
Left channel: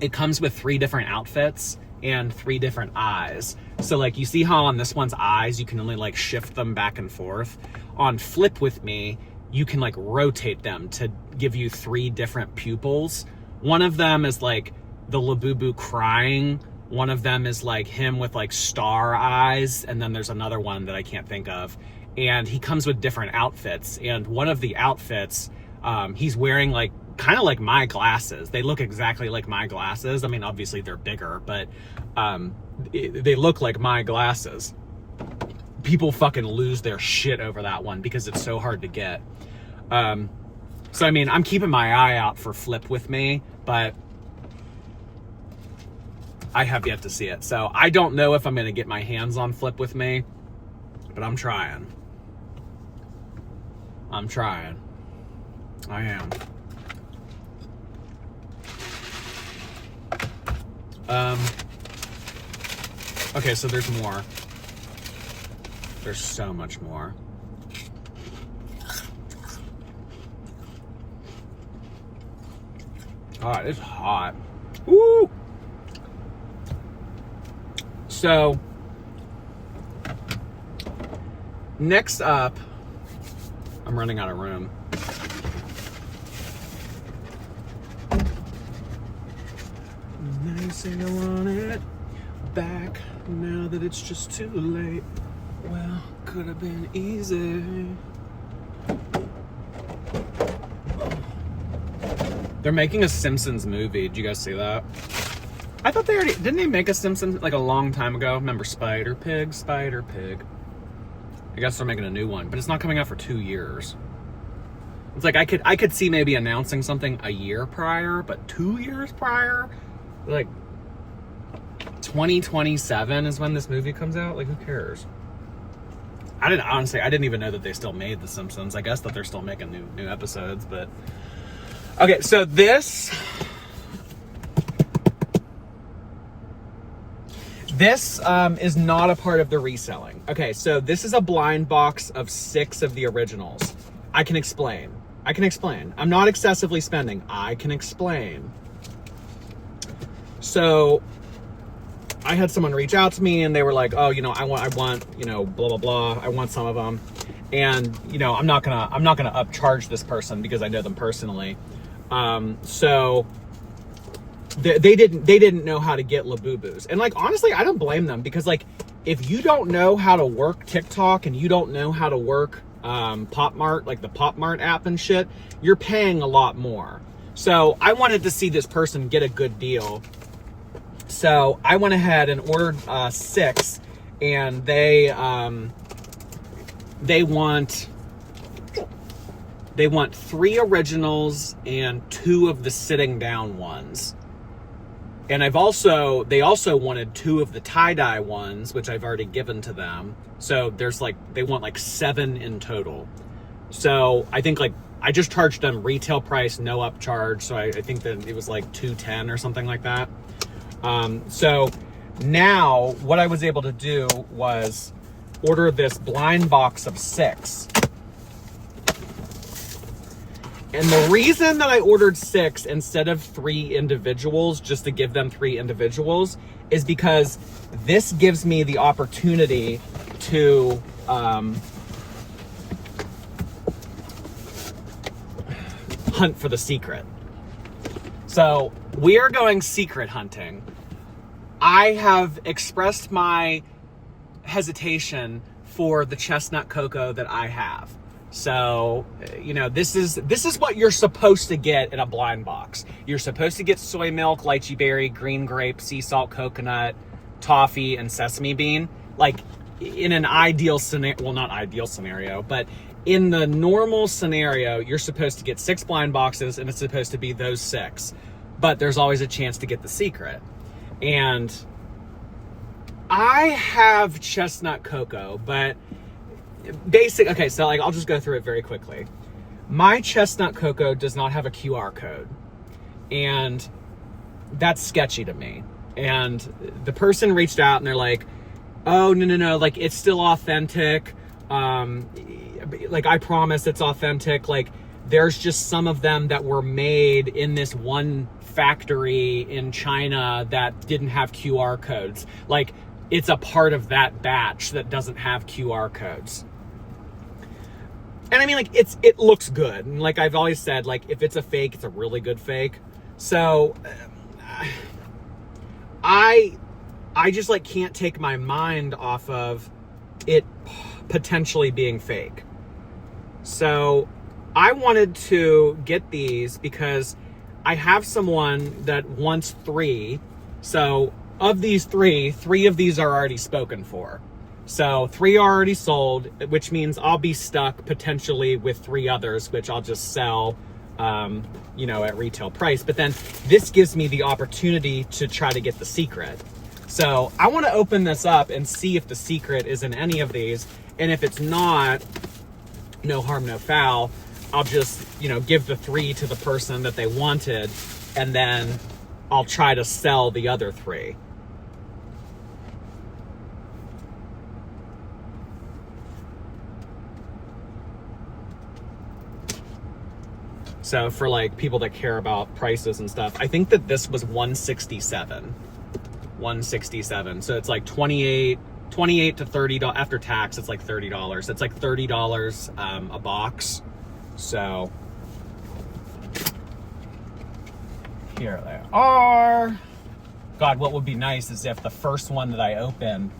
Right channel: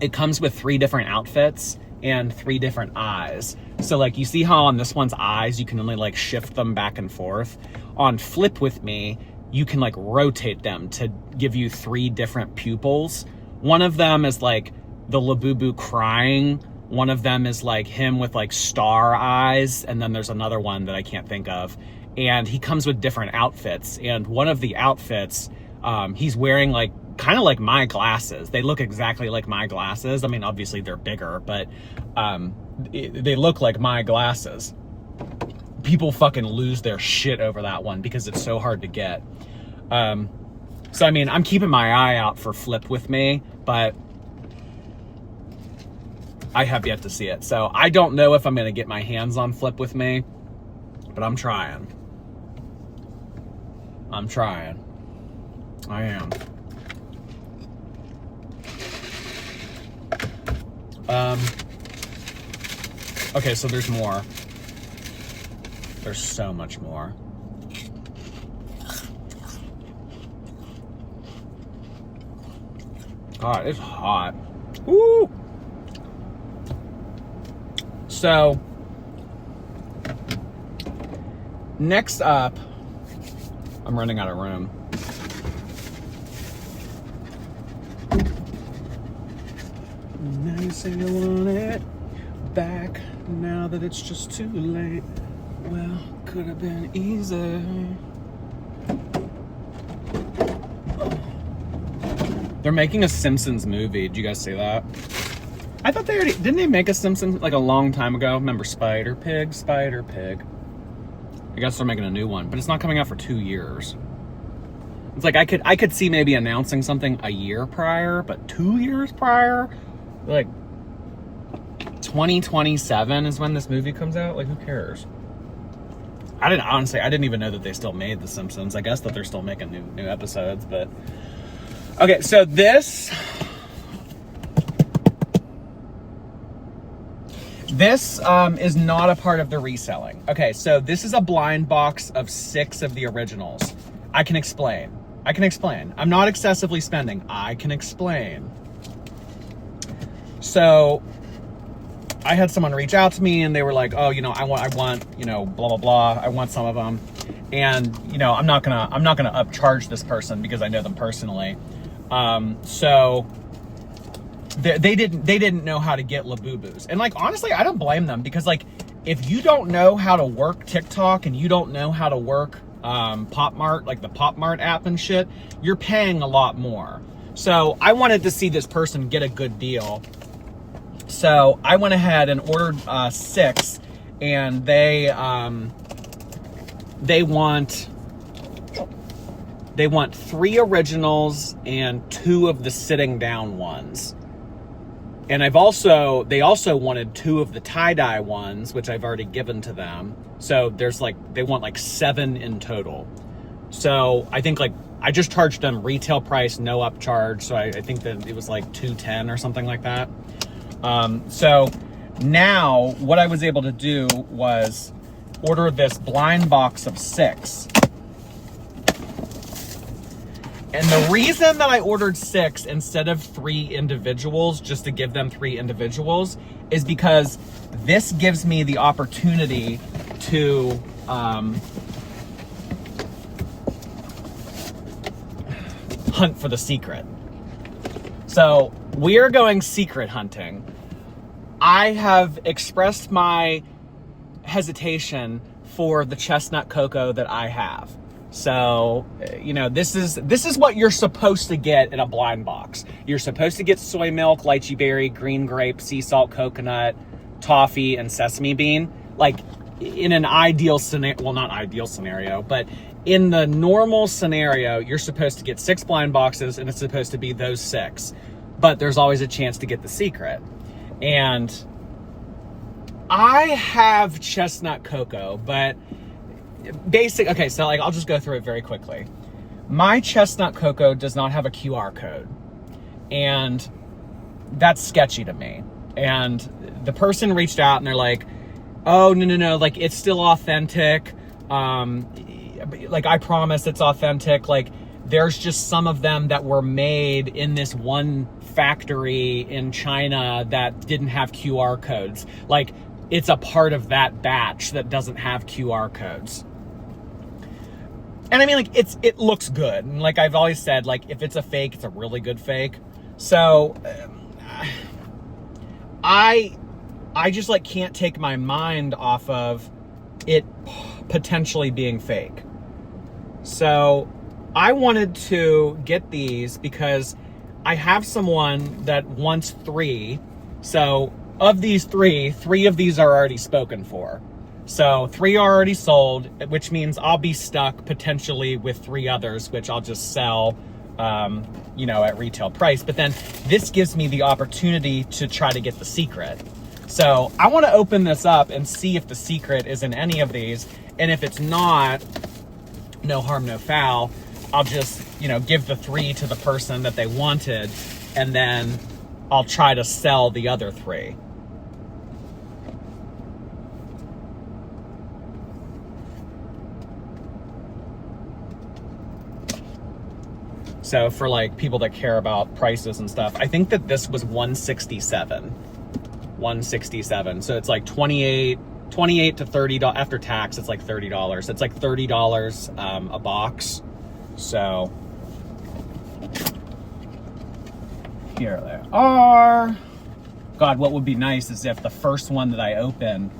it comes with 3 different outfits and 3 different eyes. So like, you see how on this one's eyes, you can only like shift them back and forth. On Flip With Me, you can like rotate them to give you 3 different pupils. One of them is like the Labubu crying. One of them is like him with like star eyes. And then there's another one that I can't think of. And he comes with different outfits. And one of the outfits, he's wearing like, kind of like my glasses. They look exactly like my glasses. I mean, obviously they're bigger, but they look like my glasses. People fucking lose their shit over that one because it's so hard to get. So I mean, I'm keeping my eye out for Flip With Me, but I have yet to see it. So I don't know if I'm gonna get my hands on Flip With Me, but I'm trying. I'm trying. I am. Okay, so there's more. There's so much more. God, it's hot. Woo! So, next up, I'm running out of room. Now you say you want it back, now that it's just too late. Well, could have been easy. They're making a Simpsons movie. Did you guys see that? I thought they already... Didn't they make a Simpsons like a long time ago? Remember Spider Pig? Spider Pig. I guess they're making a new one, but it's not coming out for 2 years. It's like I could see maybe announcing something a year prior, but 2 years prior? Like 2027 is when this movie comes out? Like, who cares? I didn't even know that they still made The Simpsons. I guess that they're still making new episodes, but... Okay, so this is not a part of the reselling. Okay, so this is a blind box of 6 of the originals. I can explain. I'm not excessively spending. I can explain. So I had someone reach out to me and they were like, oh, I want, blah, blah, blah. I want some of them. And, I'm not gonna upcharge this person because I know them personally. So they didn't know how to get Labubus. And like, honestly, I don't blame them because like, if you don't know how to work TikTok and you don't know how to work Pop Mart, like the Pop Mart app and shit, you're paying a lot more. So I wanted to see this person get a good deal. So I went ahead and ordered 6, and they want 3 originals and 2 of the sitting down ones. And they also wanted 2 of the tie-dye ones, which I've already given to them. So they want like 7 in total. So I think like, I just charged them retail price, no upcharge. So I think that it was like $210 or something like that. So now what I was able to do was order this blind box of 6. And the reason that I ordered 6 instead of 3 individuals, just to give them 3 individuals, is because this gives me the opportunity to hunt for the secret. So we are going secret hunting. I have expressed my hesitation for the chestnut cocoa that I have. So, this is what you're supposed to get in a blind box. You're supposed to get soy milk, lychee berry, green grape, sea salt, coconut, toffee, and sesame bean. Like in an ideal scenario, well, not ideal scenario, but in the normal scenario, you're supposed to get 6 blind boxes and it's supposed to be those 6, but there's always a chance to get the secret. And I have chestnut cocoa, but okay, so like, I'll just go through it very quickly. My chestnut cocoa does not have a QR code, and that's sketchy to me. And the person reached out and they're like, oh, no, like it's still authentic. Like I promise it's authentic. Like there's just some of them that were made in this one factory in China that didn't have QR codes. Like it's a part of that batch that doesn't have QR codes. And I mean, like, it looks good. And like I've always said, like, if it's a fake, it's a really good fake. So I just like can't take my mind off of it potentially being fake. So I wanted to get these because I have someone that wants 3. So of these 3 of these are already spoken for. So 3 are already sold, which means I'll be stuck potentially with 3 others, which I'll just sell, at retail price. But then this gives me the opportunity to try to get the secret. So I want to open this up and see if the secret is in any of these. And if it's not, no harm, no foul. I'll just, give the 3 to the person that they wanted, and then I'll try to sell the other 3. So for like people that care about prices and stuff, I think that this was $167. So it's like 28 to $30 after tax. It's like $30. It's like $30 a box. So here they are. God, what would be nice is if the first one that I open,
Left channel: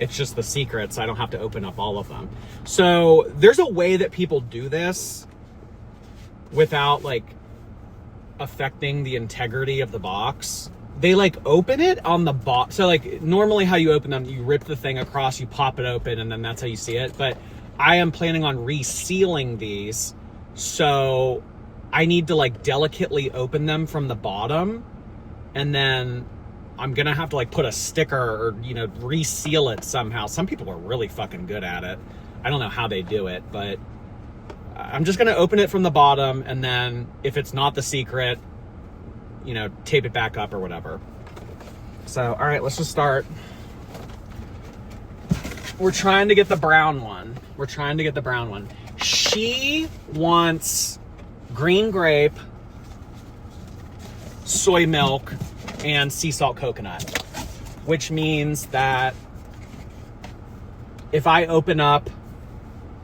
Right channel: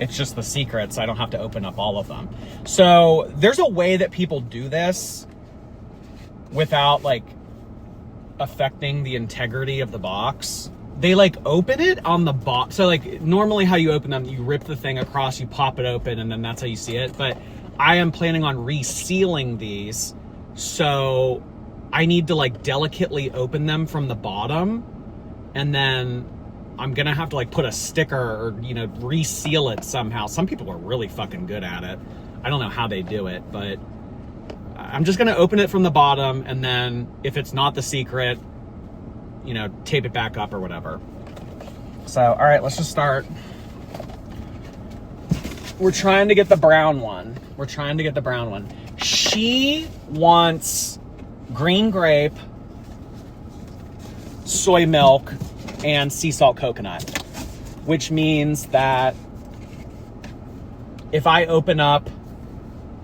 it's just the secret, so I don't have to open up all of them. So there's a way that people do this without like affecting the integrity of the box. They like open it on the box. So like normally how you open them, you rip the thing across, you pop it open, and then that's how you see it. But I am planning on resealing these. So I need to like delicately open them from the bottom. And then I'm gonna have to like put a sticker or, reseal it somehow. Some people are really fucking good at it. I don't know how they do it, but I'm just gonna open it from the bottom, and then if it's not the secret, tape it back up or whatever. So, all right, let's just start. We're trying to get the brown one. She wants green grape, soy milk, and sea salt coconut, which means that if I open up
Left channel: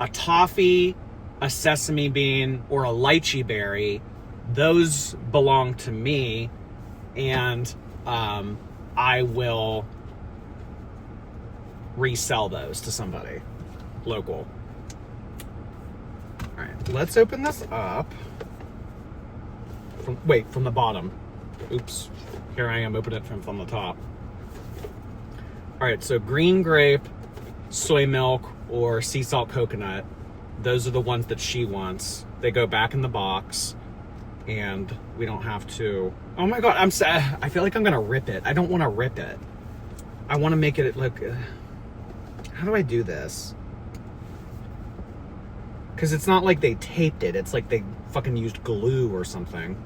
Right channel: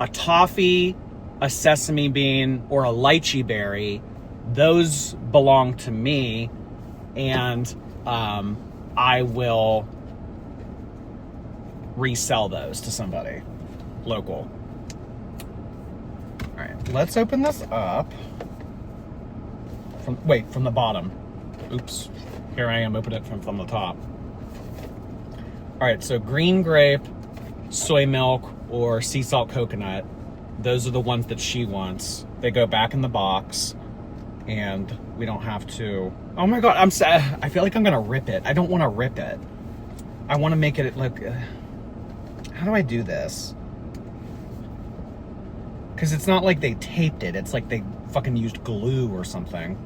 a toffee, a sesame bean, or a lychee berry, those belong to me, and I will resell those to somebody local. All right, let's open this up. From the bottom. Oops, here I am, open it from the top. All right, so green grape, soy milk, or sea salt coconut. Those are the ones that she wants. They go back in the box, and we don't have to. Oh my God, I'm sad. I feel like I'm gonna rip it. I don't want to rip it. I want to make it look. How do I do this? Because it's not like they taped it. It's like they fucking used glue or something.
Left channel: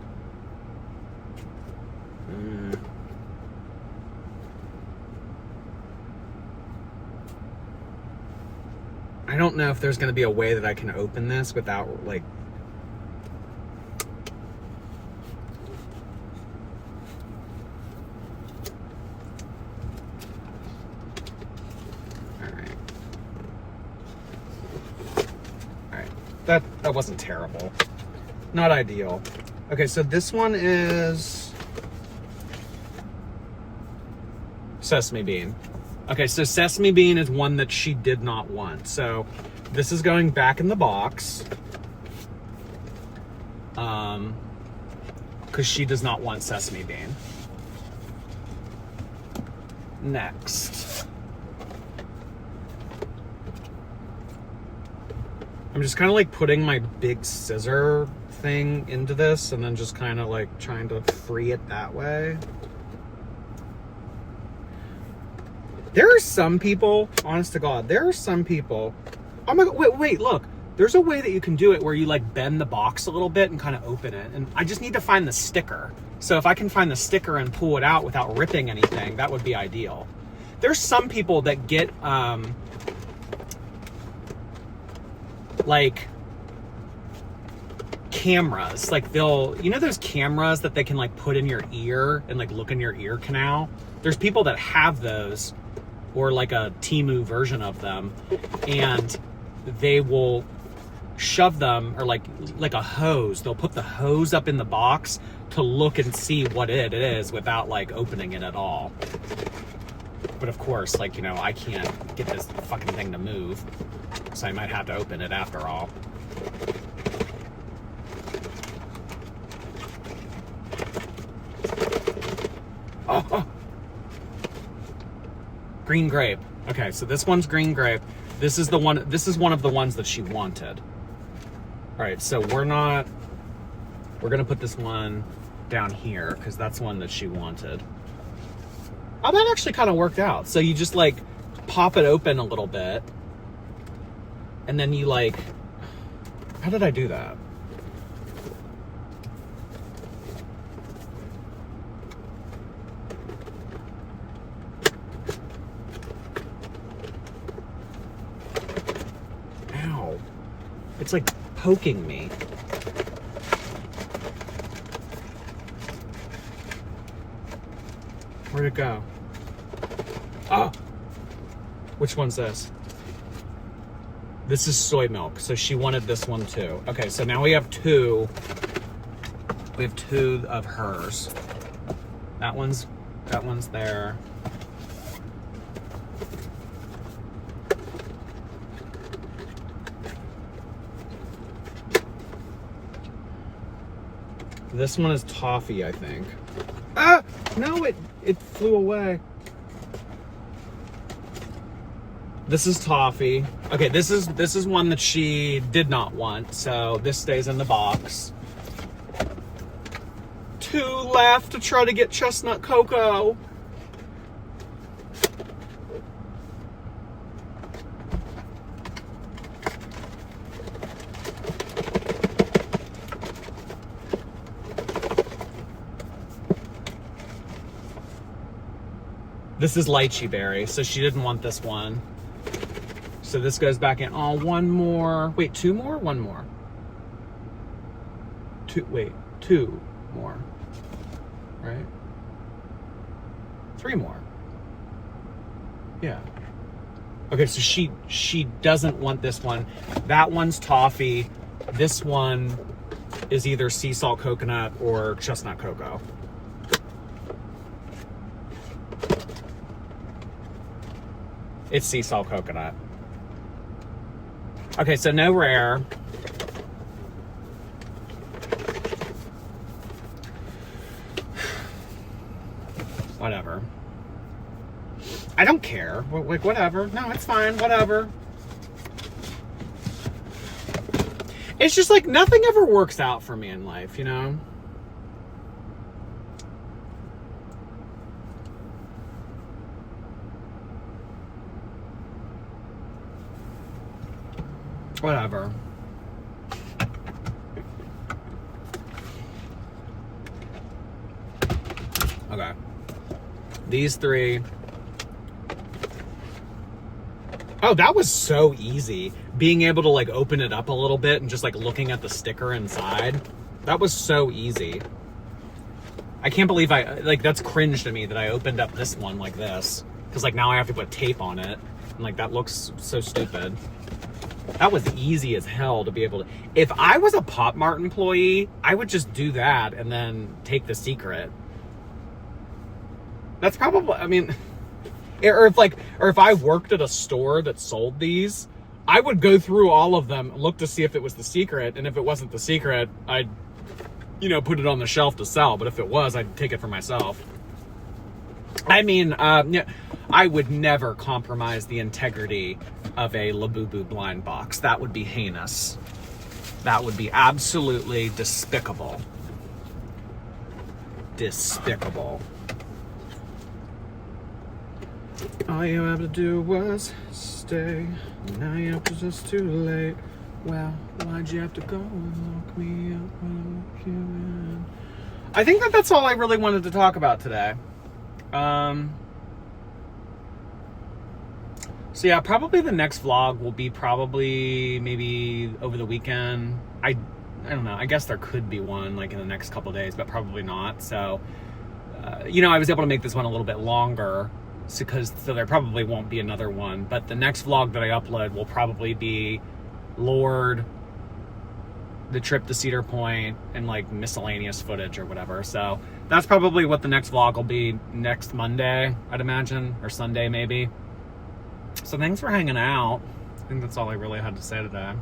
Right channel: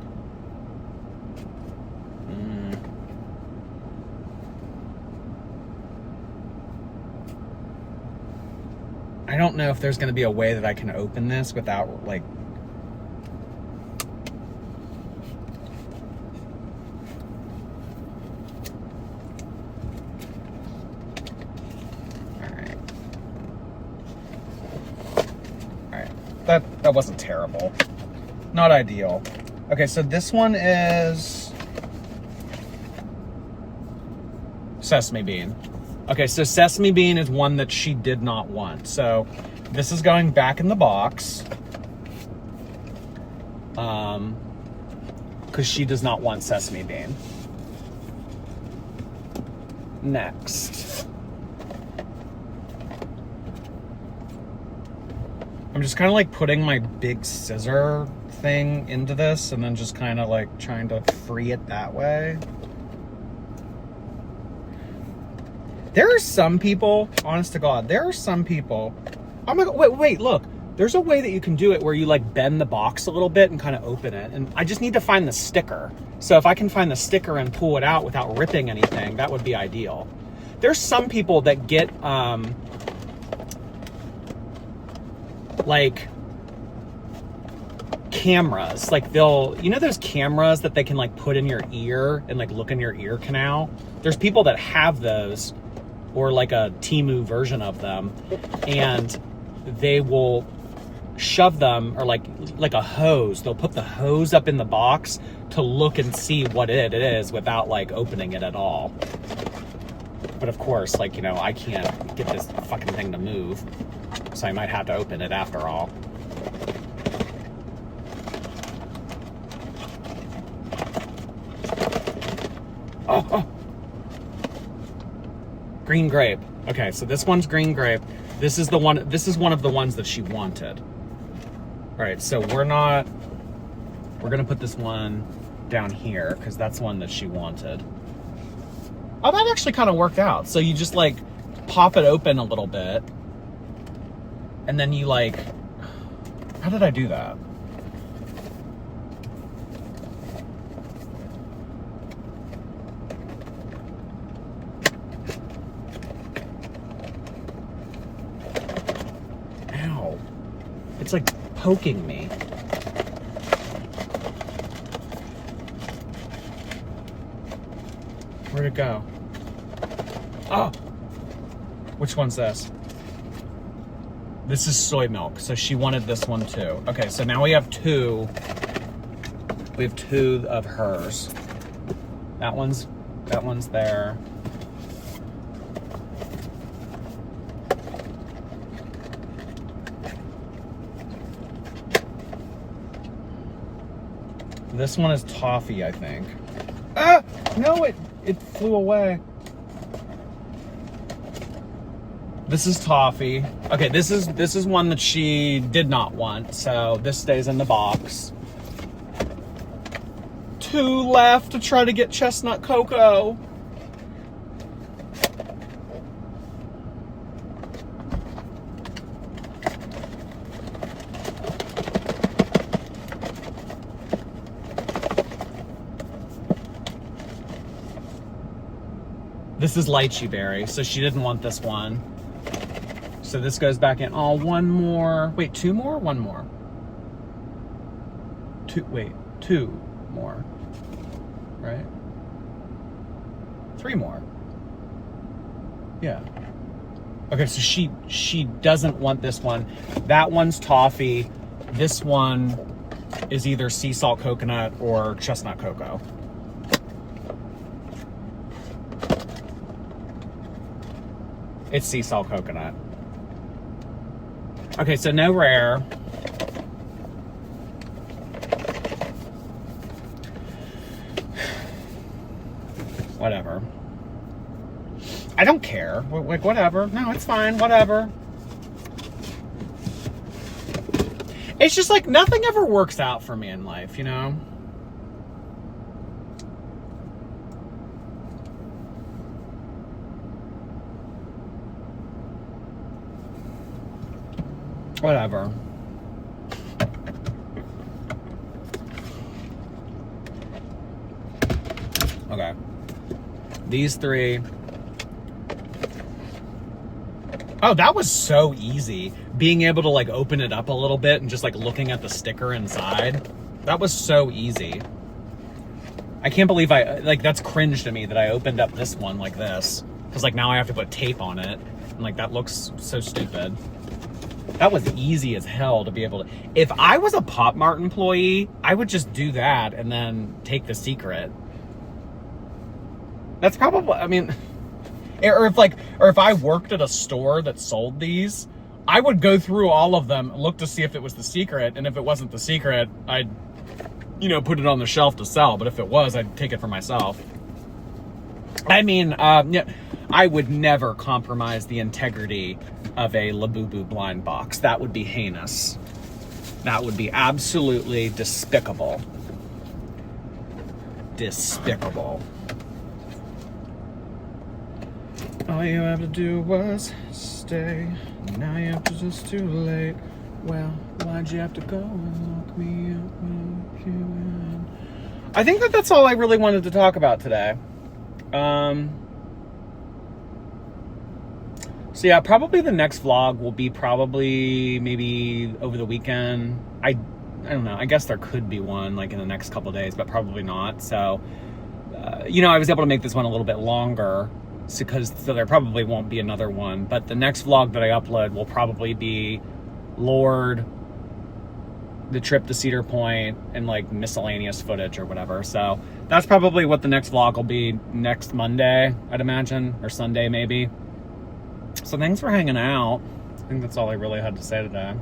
I don't know if there's going to be a way that I can open this without, like... Alright. Alright. That wasn't terrible. Not ideal. Okay, so this one is... Sesame bean. Okay, so sesame bean is one that she did not want. So this is going back in the box. Because she does not want sesame bean. Next. I'm just kind of like putting my big scissor thing into this and then just kind of like trying to free it that way. There are some people, honest to God, there are some people. Oh my God, wait, look. There's a way that you can do it where you like bend the box a little bit and kind of open it. And I just need to find the sticker. So if I can find the sticker and pull it out without ripping anything, that would be ideal. There's some people that get, like cameras. Like you know those cameras that they can like put in your ear and like look in your ear canal? There's people that have those, or like a Temu version of them, and they will shove them, or like a hose. They'll put the hose up in the box to look and see what it is without like opening it at all. But of course, like, you know, I can't get this fucking thing to move, so I might have to open it after all. Oh. Green grape. Okay, so this one's green grape. This is one of the ones that she wanted. All right, so we're gonna put this one down here because that's one that she wanted. Oh, that actually kind of worked out. So you just like pop it open a little bit, and then you like, how did I do that? Ow. It's like poking me. Where'd it go? Oh! Which one's this? This is soy milk, so she wanted this one too. Okay, so now we have two. We have two of hers. That one's there. This one is toffee, I think. Ah! No, it flew away. This is toffee. Okay, this is one that she did not want, so this stays in the box. Two left to try to get chestnut cocoa. This is lychee berry, so she didn't want this one. So this goes back in. Oh, one more. Wait, two more? One more. Two more. Right? 3 more. Yeah. Okay, so she doesn't want this one. That one's toffee. This one is either sea salt coconut or chestnut cocoa. It's sea salt coconut. Okay, so no rare. Whatever. I don't care. Like, whatever. No, it's fine. Whatever. It's just like nothing ever works out for me in life, you know? Whatever. Okay. These 3. Oh, that was so easy. Being able to like open it up a little bit and just like looking at the sticker inside. That was so easy. I can't believe that's cringe to me that I opened up this one like this. Because like now I have to put tape on it. And like that looks so stupid. That was easy as hell to be able to. If I was a Pop Mart employee, I would just do that and then take the secret. That's probably, I mean, or if I worked at a store that sold these, I would go through all of them, look to see if it was the secret, and if it wasn't the secret, I'd, you know, put it on the shelf to sell. But if it was, I'd take it for myself. I mean, I would never compromise the integrity of a Labubu blind box. That would be heinous. That would be absolutely despicable. Despicable. All you have to do was stay. Now you have to just too late. Well, why'd you have to go and lock me up when you in? I think that's all I really wanted to talk about today. So yeah, probably the next vlog will be probably maybe over the weekend. I don't know. I guess there could be one like in the next couple of days, but probably not. So, you know, I was able to make this one a little bit longer. So there probably won't be another one, but the next vlog that I upload will probably be Lord, the trip to Cedar Point, and like miscellaneous footage or whatever. So that's probably what the next vlog will be next Monday, I'd imagine, or Sunday maybe. So thanks for hanging out. I think that's all I really had to say today.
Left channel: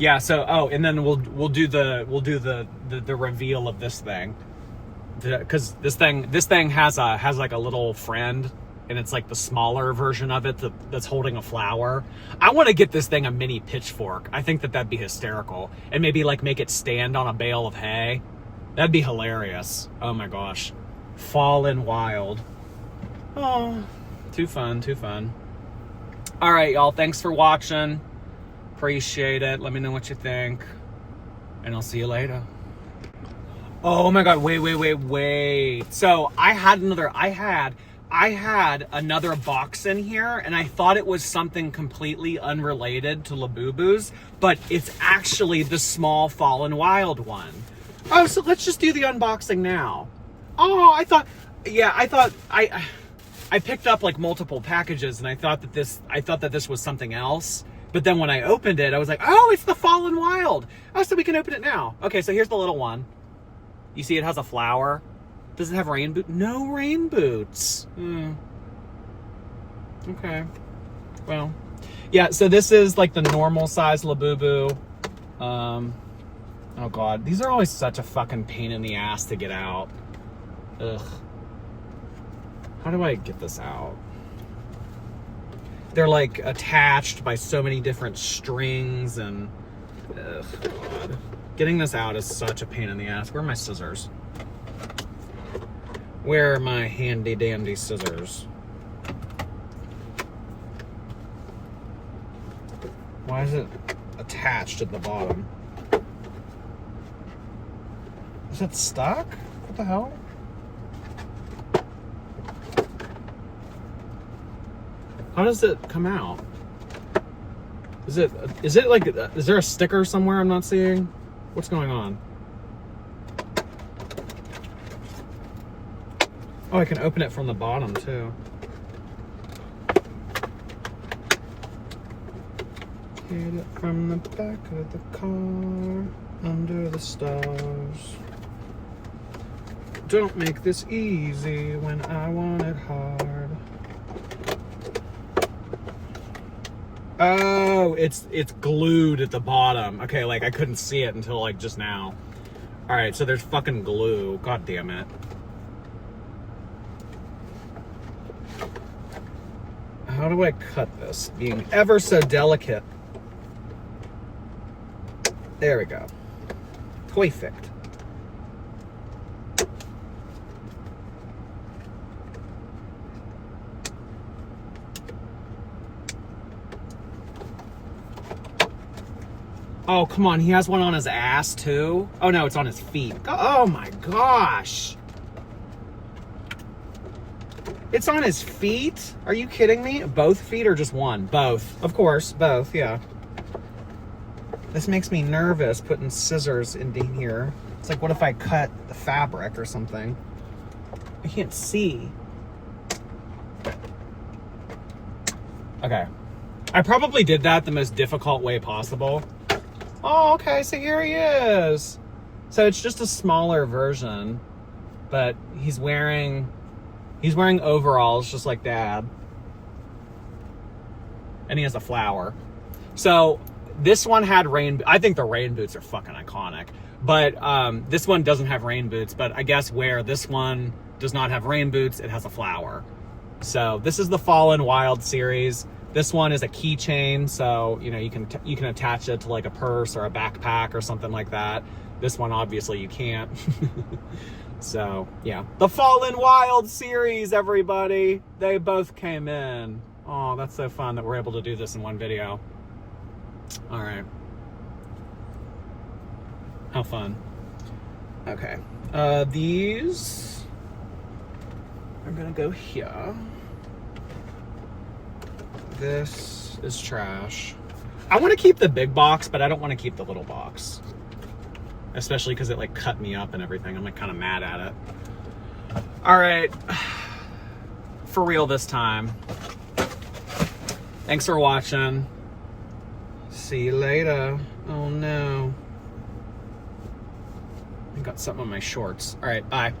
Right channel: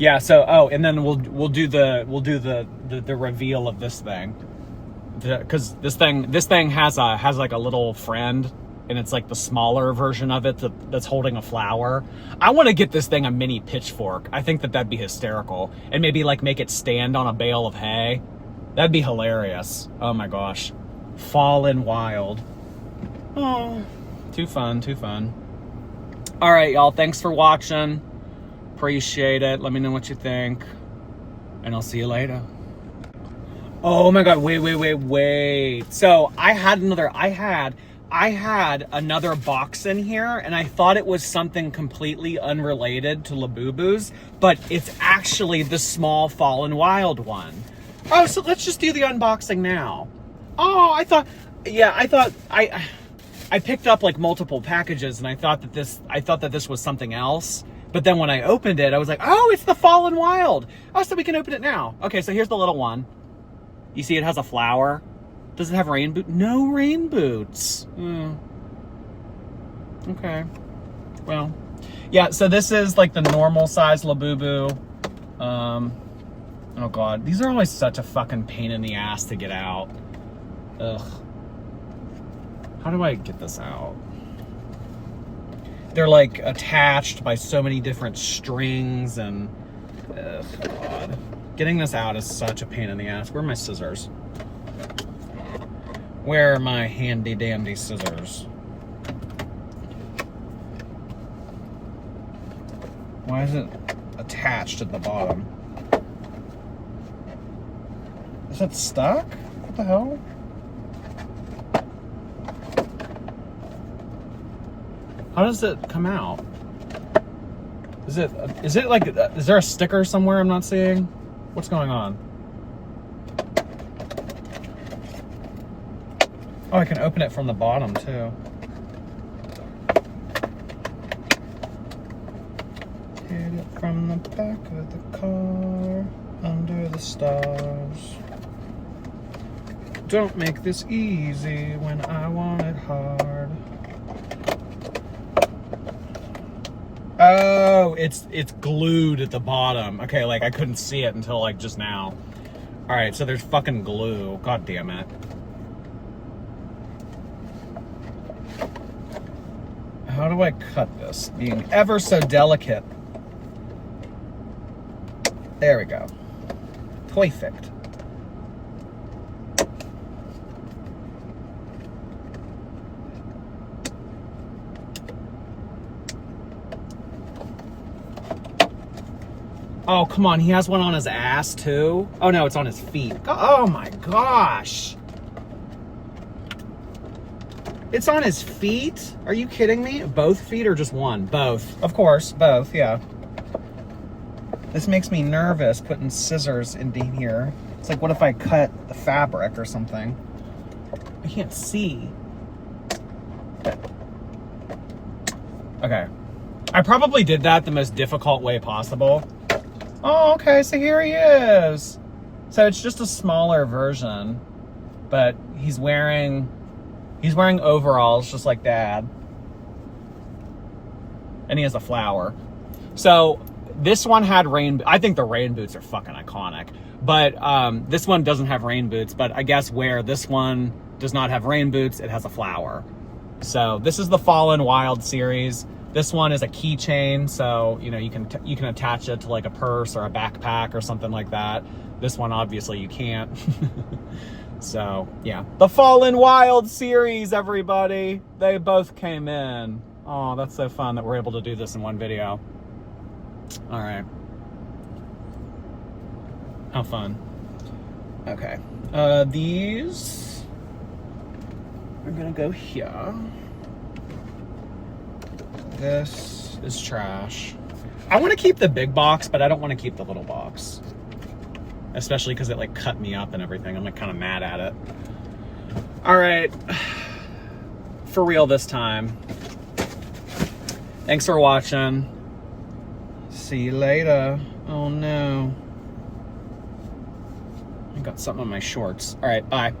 Yeah. So and then we'll do the reveal of this thing. Because this thing has like a little friend, and it's like the smaller version of it that's holding a flower. I want to get this thing a mini pitchfork. I think that'd be hysterical, and maybe like make it stand on a bale of hay. That'd be hilarious. Oh my gosh, Fallen Wild. Oh, too fun. All right, y'all. Thanks for watching. Appreciate it. Let me know what you think, and I'll see you later. Oh my God, wait. So I had another box in here, and I thought it was something completely unrelated to Labubu's, but it's actually the small Fallen Wild one. Oh, so let's just do the unboxing now. Oh, I thought I picked up like multiple packages, and I thought that this was something else. But then when I opened it, I was like, oh, it's the Fallen Wild. Oh, so we can open it now. Okay, so here's the little one. You see it has a flower. Does it have rain boots? No rain boots. Okay. Well, yeah, so this is like the normal size Labubu. Oh God, these are always such a fucking pain in the ass to get out. Ugh. How do I get this out? They're like attached by so many different strings, and ugh, God. Getting this out is such a pain in the ass. Where are my scissors? Where are my handy dandy scissors? Why is it attached at the bottom? Is it stuck? What the hell? How does it come out? Is it like, is there a sticker somewhere I'm not seeing? What's going on? Oh, I can open it from the bottom too. Hit it from the back of the car, under the stars. Don't make this easy when I want it hard. Oh, it's glued at the bottom. Okay, like I couldn't see it until like just now. All right, so there's fucking glue. God damn it. How do I cut this? Being ever so delicate. There we go. Perfect. Oh, come on. He has one on his ass, too? Oh, no, it's on his feet. Oh, my gosh. It's on his feet? Are you kidding me? Both feet or just one? Both. Of course, both, yeah. This makes me nervous putting scissors in here. It's like, what if I cut the fabric or something? I can't see. Okay. I probably did that the most difficult way possible. Oh, okay, so here he is. So it's just a smaller version, but he's wearing overalls just like Dad. And he has a flower. So this one had I think the rain boots are fucking iconic. But this one doesn't have rain boots, but I guess where this one does not have rain boots, it has a flower. So this is the Fallen Wild series. This one is a keychain, so you know you can attach it to like a purse or a backpack or something like that. This one obviously you can't. So yeah, the Fallen Wild series, everybody. They both came in. Oh, that's so fun that we're able to do this in one video. All right. How fun. Okay. These are gonna go here. This is trash. I want to keep the big box, but I don't want to keep the little box. Especially because it like cut me up and everything. I'm like kind of mad at it. All right. For real this time. Thanks for watching. See you later. Oh no. I got something on my shorts. All right, bye.